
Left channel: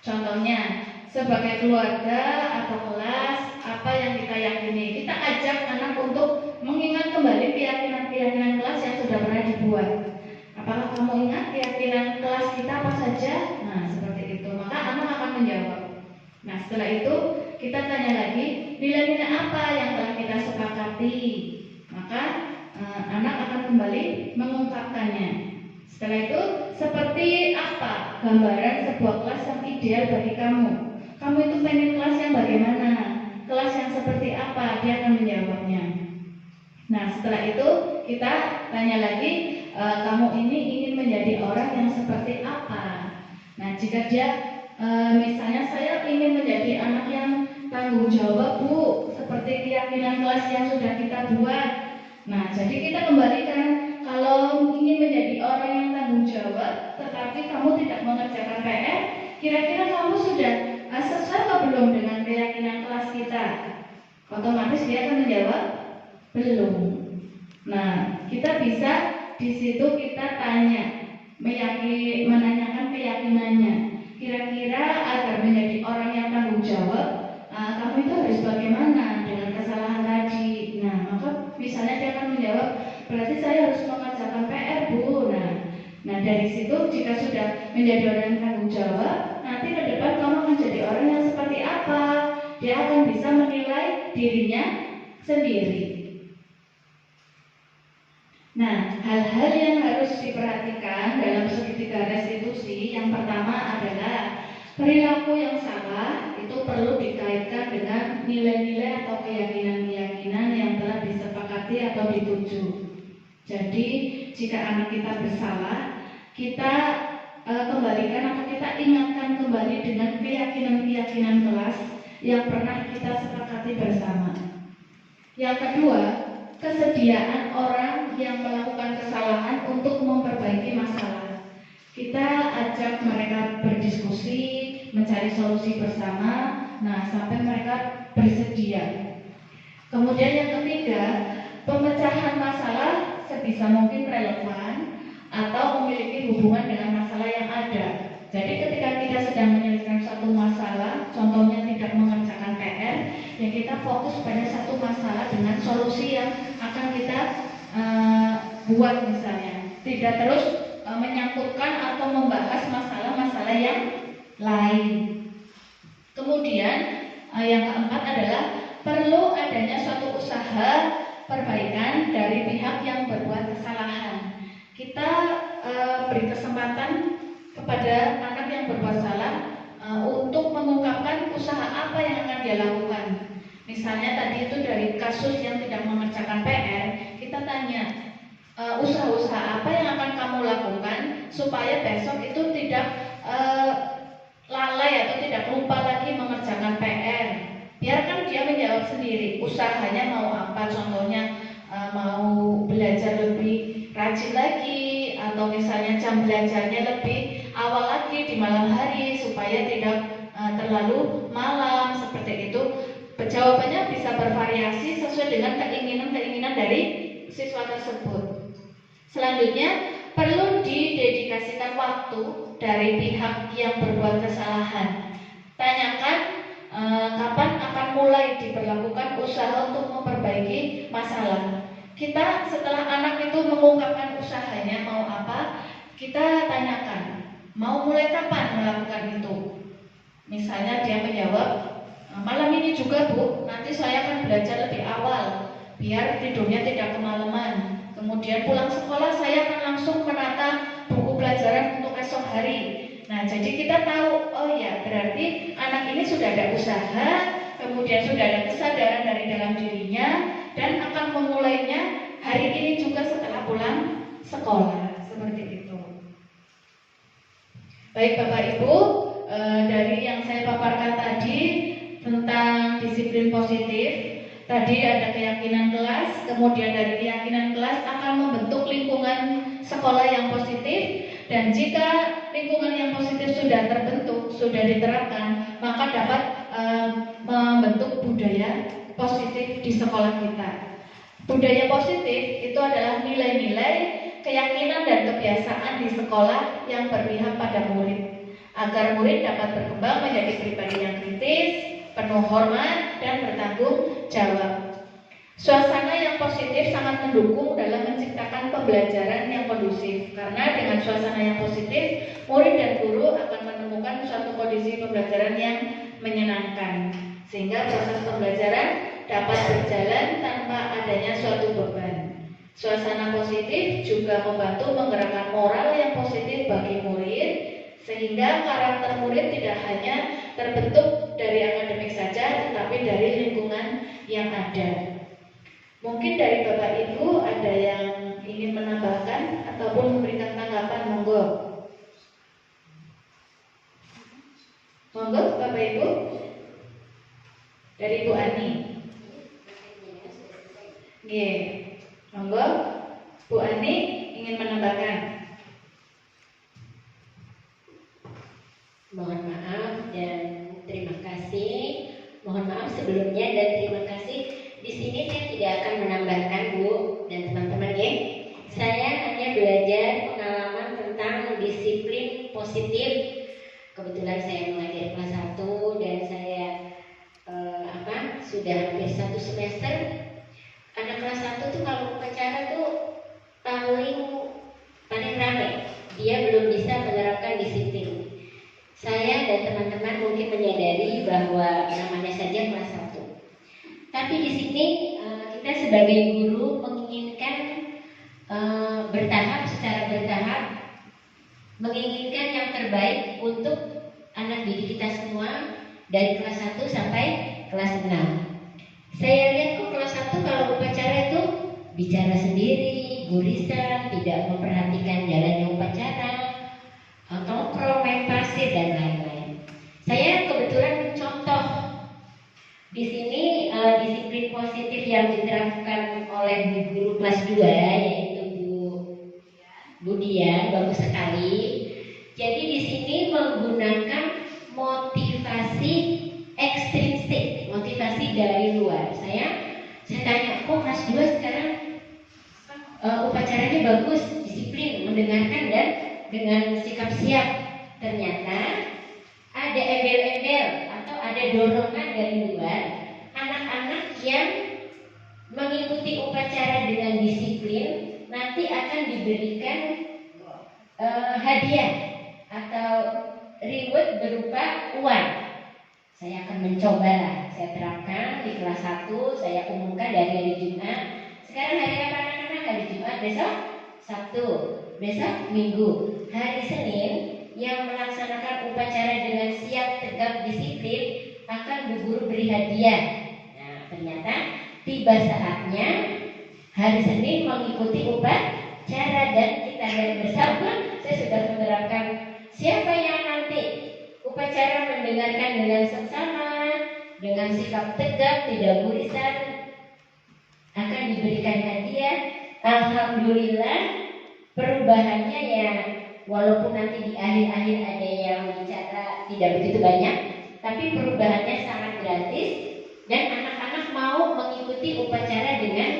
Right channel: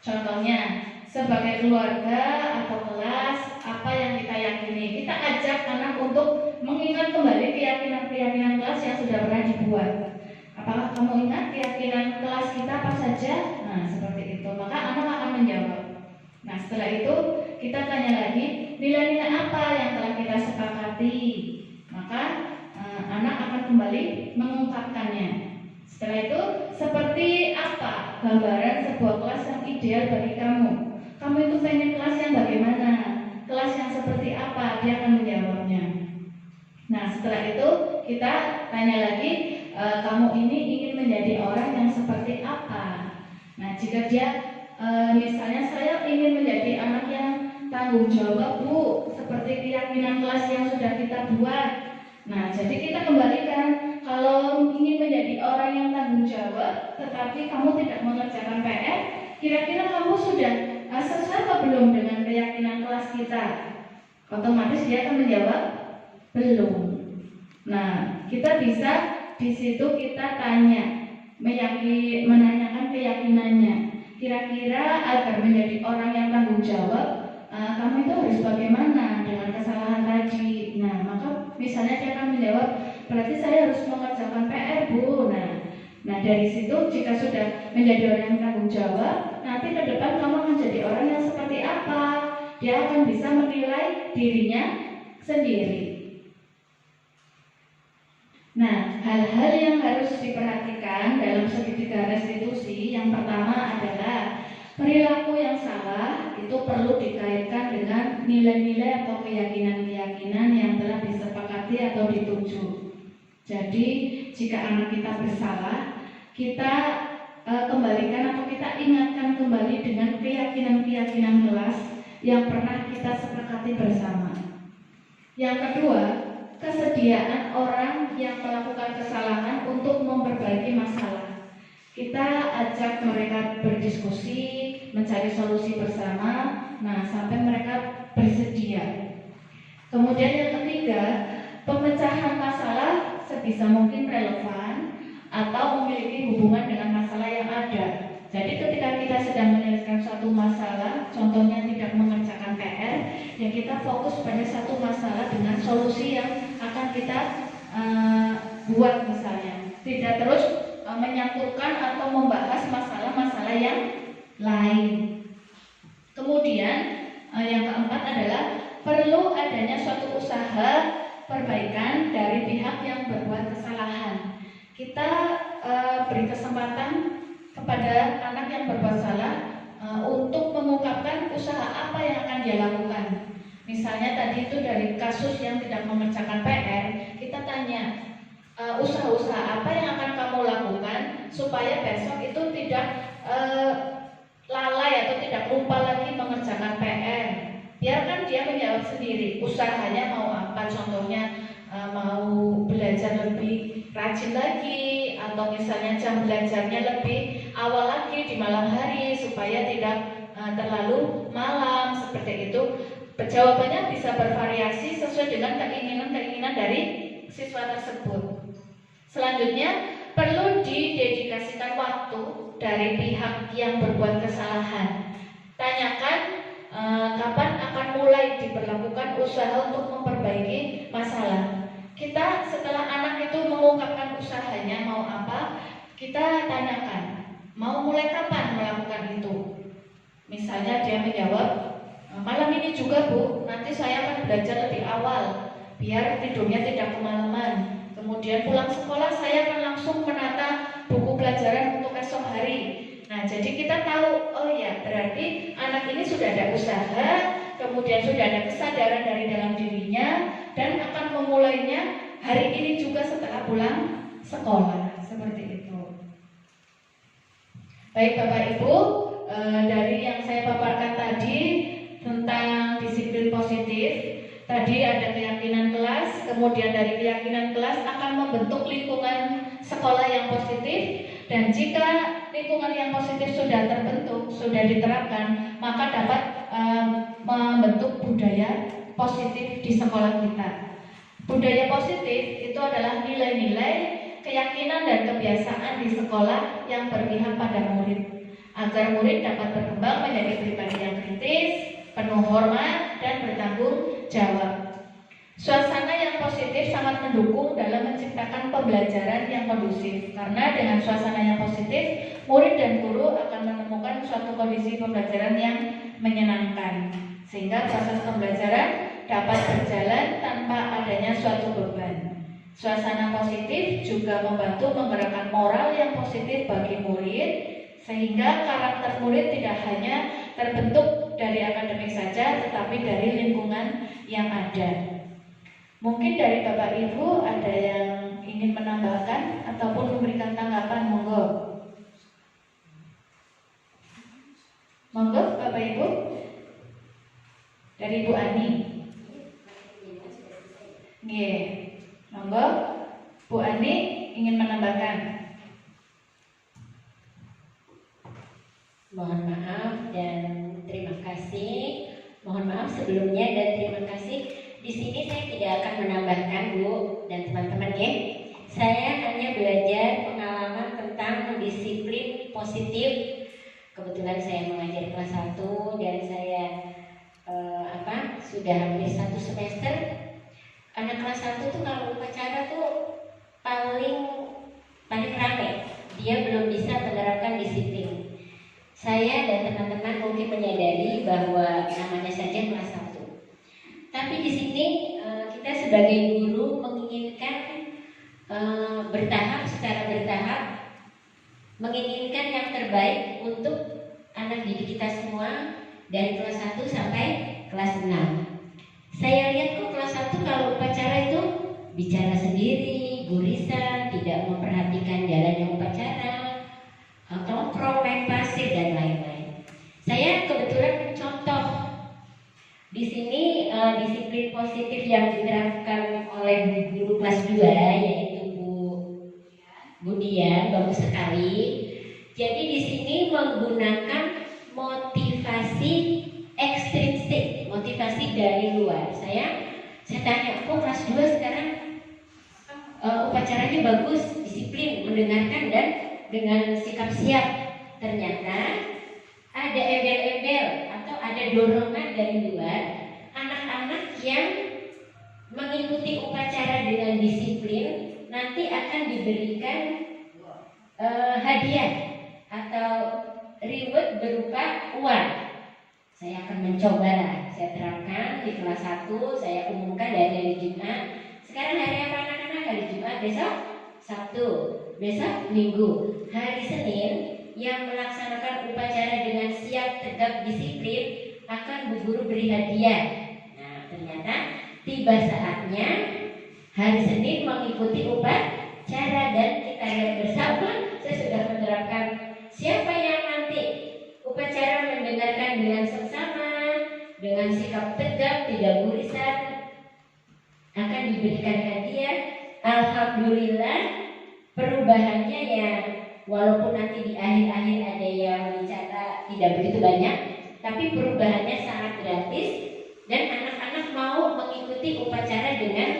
Contohnya, sebagai keluarga atau kelas, apa yang kita yakini, kita ajak anak untuk mengingat kembali keyakinan-keyakinan kelas yang sudah pernah dibuat. Apakah kamu ingat keyakinan kelas kita apa saja? Nah, seperti itu. Maka anak akan menjawab. Nah, setelah itu kita tanya lagi, nilai-nilai apa yang telah kita sepakati? Maka anak akan kembali mengungkapkannya. Setelah itu, seperti apa gambaran sebuah kelas yang ideal bagi kamu? Kamu itu pengen kelas yang bagaimana? Kelas yang seperti apa? Dia akan menjawabnya. Nah, setelah itu kita tanya lagi, kamu ini ingin menjadi orang yang seperti apa? Nah, jika dia misalnya saya ingin menjadi anak yang tanggung jawab, Bu, seperti keyakinan kelas yang sudah kita buat. Nah, jadi kita kembalikan, kalau ingin menjadi orang yang tanggung jawab tetapi kamu tidak mengerjakan PR, kira-kira kamu sudah sesuai atau belum dengan keyakinan kelas kita? Otomatis dia akan menjawab belum. Nah, kita bisa di situ kita tanya, menanyakan keyakinannya. Kira-kira agar menjadi orang yang tanggung jawab, kamu itu harus bagaimana dengan kesalahan tadi? Nah, maka misalnya dia akan menjawab, berarti saya harus mengerjakan PR, Bu. Nah, dari situ jika sudah menjadi orang yang tanggung jawab, nanti ke depan kamu akan jadi orang yang seperti apa? Dia akan bisa menilai dirinya sendiri. Nah, hal-hal yang harus diperhatikan dalam segitiga restitusi, yang pertama adalah perilaku yang salah itu perlu dikaitkan dengan nilai-nilai atau keyakinan-keyakinan yang telah disepakati atau dituju. Jadi, jika anak kita bersalah, kita kembalikan atau kita ingatkan kembali dengan keyakinan-keyakinan kelas yang pernah kita sepakati bersama. Yang kedua, kesediaan orang yang melakukan kesalahan untuk memperbaiki masalah. Kita ajak mereka berdiskusi, mencari solusi bersama, sampai mereka bersedia. Kemudian yang ketiga, pemecahan masalah sebisa mungkin relevan atau memiliki hubungan dengan masalah yang ada. Jadi ketika kita sedang menyelesaikan suatu masalah, contohnya tidak mengerjakan PR, ya kita fokus pada satu masalah dengan solusi yang akan kita buat misalnya. Tidak terus menyatukan atau membahas masalah-masalah yang lain. Kemudian yang keempat adalah perlu adanya suatu usaha perbaikan dari pihak yang berbuat kesalahan. Kita beri kesempatan kepada anak yang berbuat salah untuk mengungkapkan usaha apa yang akan dia lakukan. Misalnya tadi itu dari kasus yang tidak mengerjakan PR, kita tanya usaha-usaha apa yang akan kamu lakukan supaya besok itu tidak lalai atau tidak lupa lagi mengerjakan PR. Biarkan dia menjawab sendiri usahanya mau apa, contohnya mau belajar lebih rajin lagi, atau misalnya jam belajarnya lebih awal lagi di malam hari supaya tidak terlalu malam, seperti itu. Jawabannya bisa bervariasi sesuai dengan keinginan-keinginan dari siswa tersebut. Selanjutnya, perlu didedikasikan waktu dari pihak yang berbuat kesalahan. Tanyakan kapan akan mulai diberlakukan usaha untuk memperbaiki masalah. Kita setelah anak itu mengungkapkan usahanya mau apa, kita tanyakan mau mulai kapan melakukan itu. Misalnya dia menjawab, malam ini juga Bu, nanti saya akan belajar lebih awal biar tidurnya tidak kemalaman. Kemudian pulang sekolah saya akan langsung menata buku pelajaran untuk esok hari. Nah, Nah, jadi kita tahu, oh ya, berarti anak ini sudah ada usaha, kemudian sudah ada kesadaran dari dalam dirinya, dan akan memulainya hari ini juga setelah pulang sekolah, seperti itu. Baik Bapak Ibu, dari yang saya paparkan tadi tentang disiplin positif, tadi ada keyakinan kelas, kemudian dari keyakinan kelas akan membentuk lingkungan sekolah yang positif, dan jika lingkungan yang positif sudah terbentuk, sudah diterapkan, maka dapat membentuk budaya positif di sekolah kita. Budaya positif itu adalah nilai-nilai, keyakinan dan kebiasaan di sekolah yang berpihak pada murid, agar murid dapat berkembang menjadi pribadi yang kritis, penuh hormat, dan bertanggung jawab. Suasana yang positif sangat mendukung dalam menciptakan pembelajaran yang kondusif, karena dengan suasana yang positif, murid dan guru akan menemukan suatu kondisi pembelajaran yang menyenangkan, sehingga proses pembelajaran dapat berjalan tanpa adanya suatu beban. Suasana positif juga membantu menggerakkan moral yang positif bagi murid, sehingga karakter murid tidak hanya terbentuk dari akademik saja, tetapi dari lingkungan yang ada. Mungkin dari Bapak Ibu ada yang ingin menambahkan ataupun memberikan tanggapan, monggo. Monggo Bapak Ibu. Dari Bu Ani. Nggih. Monggo Bu Ani ingin menambahkan. Mohon maaf dan terima kasih. Mohon maaf sebelumnya dan terima kasih. Di sini saya tidak akan menambahkan Bu dan teman-teman ya. Saya hanya belajar pengalaman tentang disiplin positif. Kebetulan saya mengajar kelas 1 dan saya sudah hampir 1 semester. Anak kelas 1 tuh kalau upacara tuh paling ramai. Dia belum bisa menerapkan disiplin. Saya dan teman-teman mungkin menyadari bahwa namanya saja kelas 1. Tapi di sini kita sebagai guru menginginkan secara bertahap, menginginkan yang terbaik untuk anak didik kita semua dari kelas 1 sampai kelas 6. Saya lihat kok kelas 1 kalau upacara itu bicara sendiri, gurisan, tidak memperhatikan jalannya upacara, nongkrong, main pasir dan lain-lain. Saya kebetulan mencontoh di sini disiplin positif yang diterapkan oleh guru kelas 2 yaitu Bu Dian, bagus sekali. Jadi di sini menggunakan motivasi ekstrinsik, motivasi dari luar. Saya tanya, kok kelas 2 sekarang upacaranya bagus, disiplin, mendengarkan dan dengan sikap siap. Ternyata ada embel-embel atau ada dorongan dari luar, anak-anak yang mengikuti upacara dengan disiplin nanti akan diberikan hadiah atau reward berupa uang. Saya akan mencoba, saya terapkan di kelas 1, saya umumkan dari hari Jumat. Sekarang hari apa anak-anak? Hari Jumat, besok Sabtu, besok Minggu. Hari Senin yang melaksanakan upacara dengan siap, tegap, disiplin akan Bu Guru beri hadiah. Nah, ternyata tiba saatnya hari Senin mengikuti upacara dan kita lihat bersama. Saya sudah menerapkan siapa yang nanti upacara mendengarkan dengan seksama, dengan sikap tegap, tidak gurisan, akan diberikan hadiah. Alhamdulillah perubahannya ya, walaupun nanti di akhir-akhir ada yang bicara tidak begitu banyak, tapi perubahannya sangat gratis dan anak-anak mau mengikuti upacara dengan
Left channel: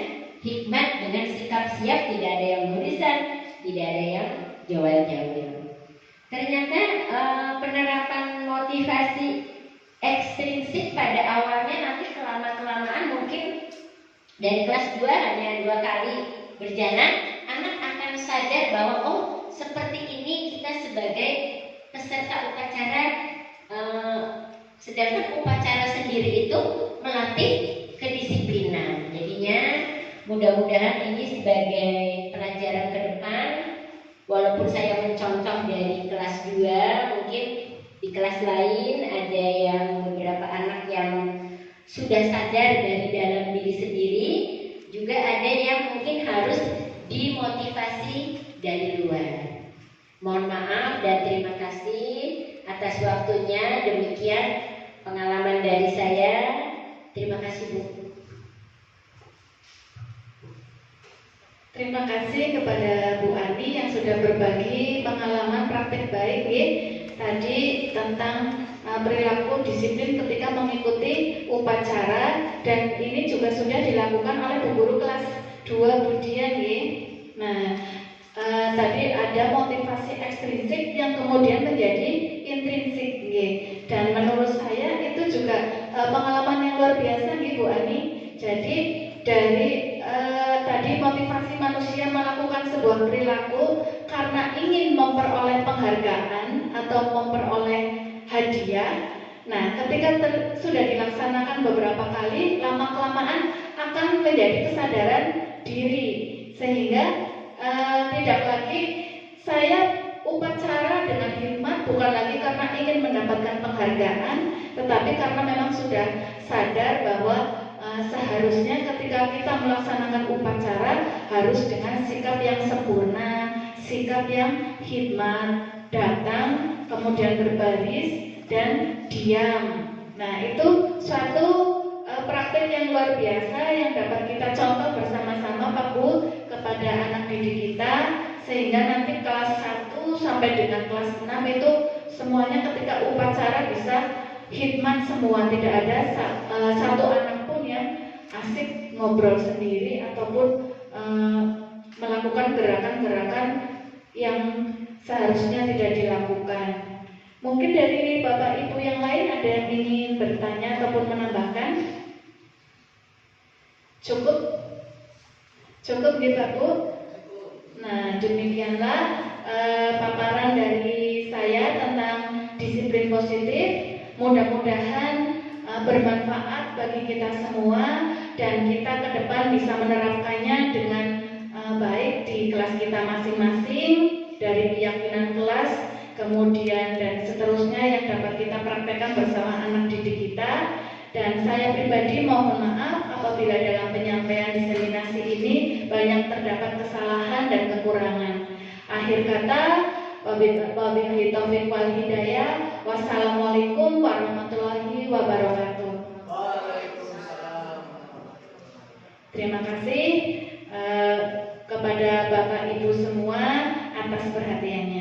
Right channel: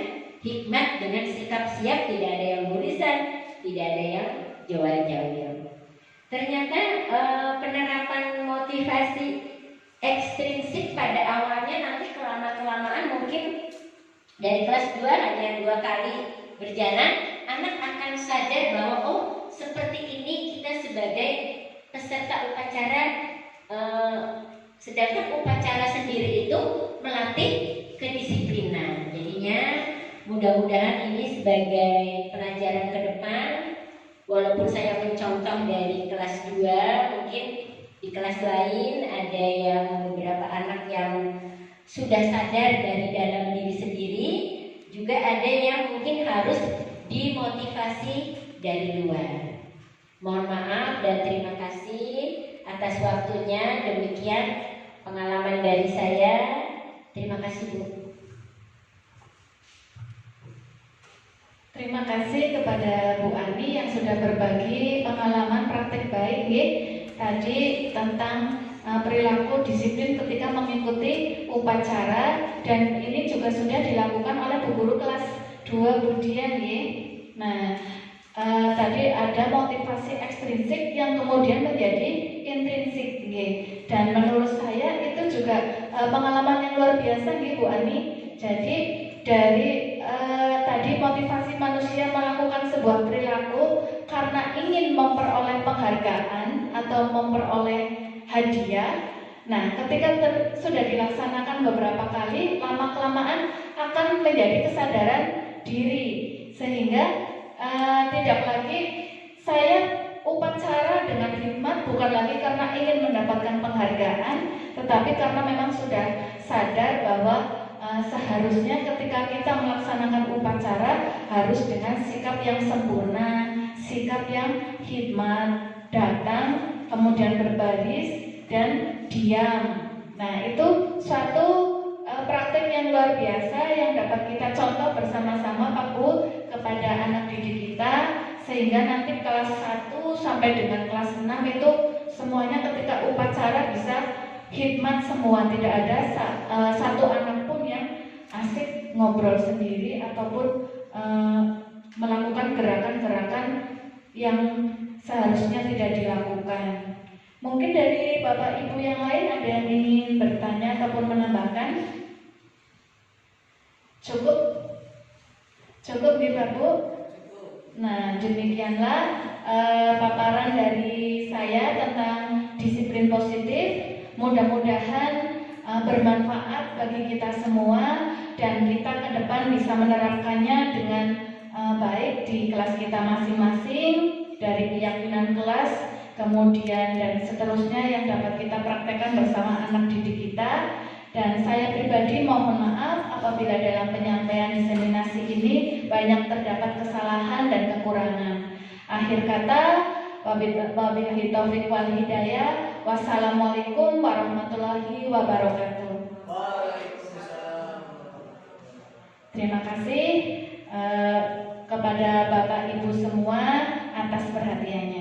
hikmat, dengan sikap siap, tidak ada yang gurisan, tidak ada yang jawab-jawab. Ternyata penerapan motivasi ekstrinsik pada awalnya nanti kelamaan mungkin dari kelas 2 hanya 2 kali berjalan, anak akan sadar bahwa oh seperti ini kita sebagai peserta upacara, sedangkan upacara sendiri itu melatih kedisiplinan. Jadinya mudah-mudahan ini sebagai pelajaran ke depan Walaupun saya mencontoh dari kelas 2, mungkin di kelas lain ada yang beberapa anak yang sudah sadar dari dalam diri sendiri, juga ada yang mungkin harus dimotivasi dari luar. Mohon maaf dan terima kasih atas waktunya. Demikian pengalaman dari saya. Terima kasih, Bu. Terima kasih kepada Bu Ani yang sudah berbagi pengalaman praktik baik ya, tadi tentang perilaku disiplin ketika mengikuti upacara, dan ini juga sudah dilakukan oleh Bu Guru kelas 2 Budian ya. Nah, tadi ada motivasi ekstrinsik yang kemudian menjadi intrinsik ya. Dan menurut saya itu juga pengalaman yang luar biasa nih Bu Ani. Jadi dari tadi motivasi manusia melakukan sebuah perilaku karena ingin memperoleh penghargaan atau memperoleh hadiah. Nah, ketika sudah dilaksanakan beberapa kali, lama-kelamaan akan menjadi kesadaran diri, sehingga tidak lagi saya upacara dengan hikmat bukan lagi karena ingin mendapatkan penghargaan, tetapi karena memang sudah sadar bahwa seharusnya ketika kita melaksanakan upacara harus dengan sikap yang sempurna, sikap yang hikmat, datang, kemudian berbaris dan diam. Nah, itu suatu praktik yang luar biasa yang dapat kita contoh bersama-sama Pak Bu kepada anak didik kita, sehingga nanti kelas 1 sampai dengan kelas 6 itu semuanya ketika upacara bisa hikmat semua, tidak ada satu anak pun yang asik ngobrol sendiri ataupun melakukan gerakan-gerakan yang seharusnya tidak dilakukan. Mungkin dari Bapak Ibu yang lain ada yang ingin bertanya ataupun menambahkan? Cukup? Cukup gitu Bu? Nah, demikianlah paparan dari saya tentang disiplin positif. Mudah-mudahan bermanfaat bagi kita semua dan kita ke depan bisa menerapkannya dengan baik di kelas kita masing-masing, dari keyakinan kelas, kemudian dan seterusnya yang dapat kita praktekkan bersama anak didik kita. Dan saya pribadi mohon maaf apabila dalam penyampaian diseminasi ini banyak terdapat kesalahan dan kekurangan. Akhir kata, wabillahi taufiq wal hidayah. Wassalamualaikum warahmatullahi wabarakatuh. Waalaikumsalam. Terima kasih kepada Bapak Ibu semua atas perhatiannya.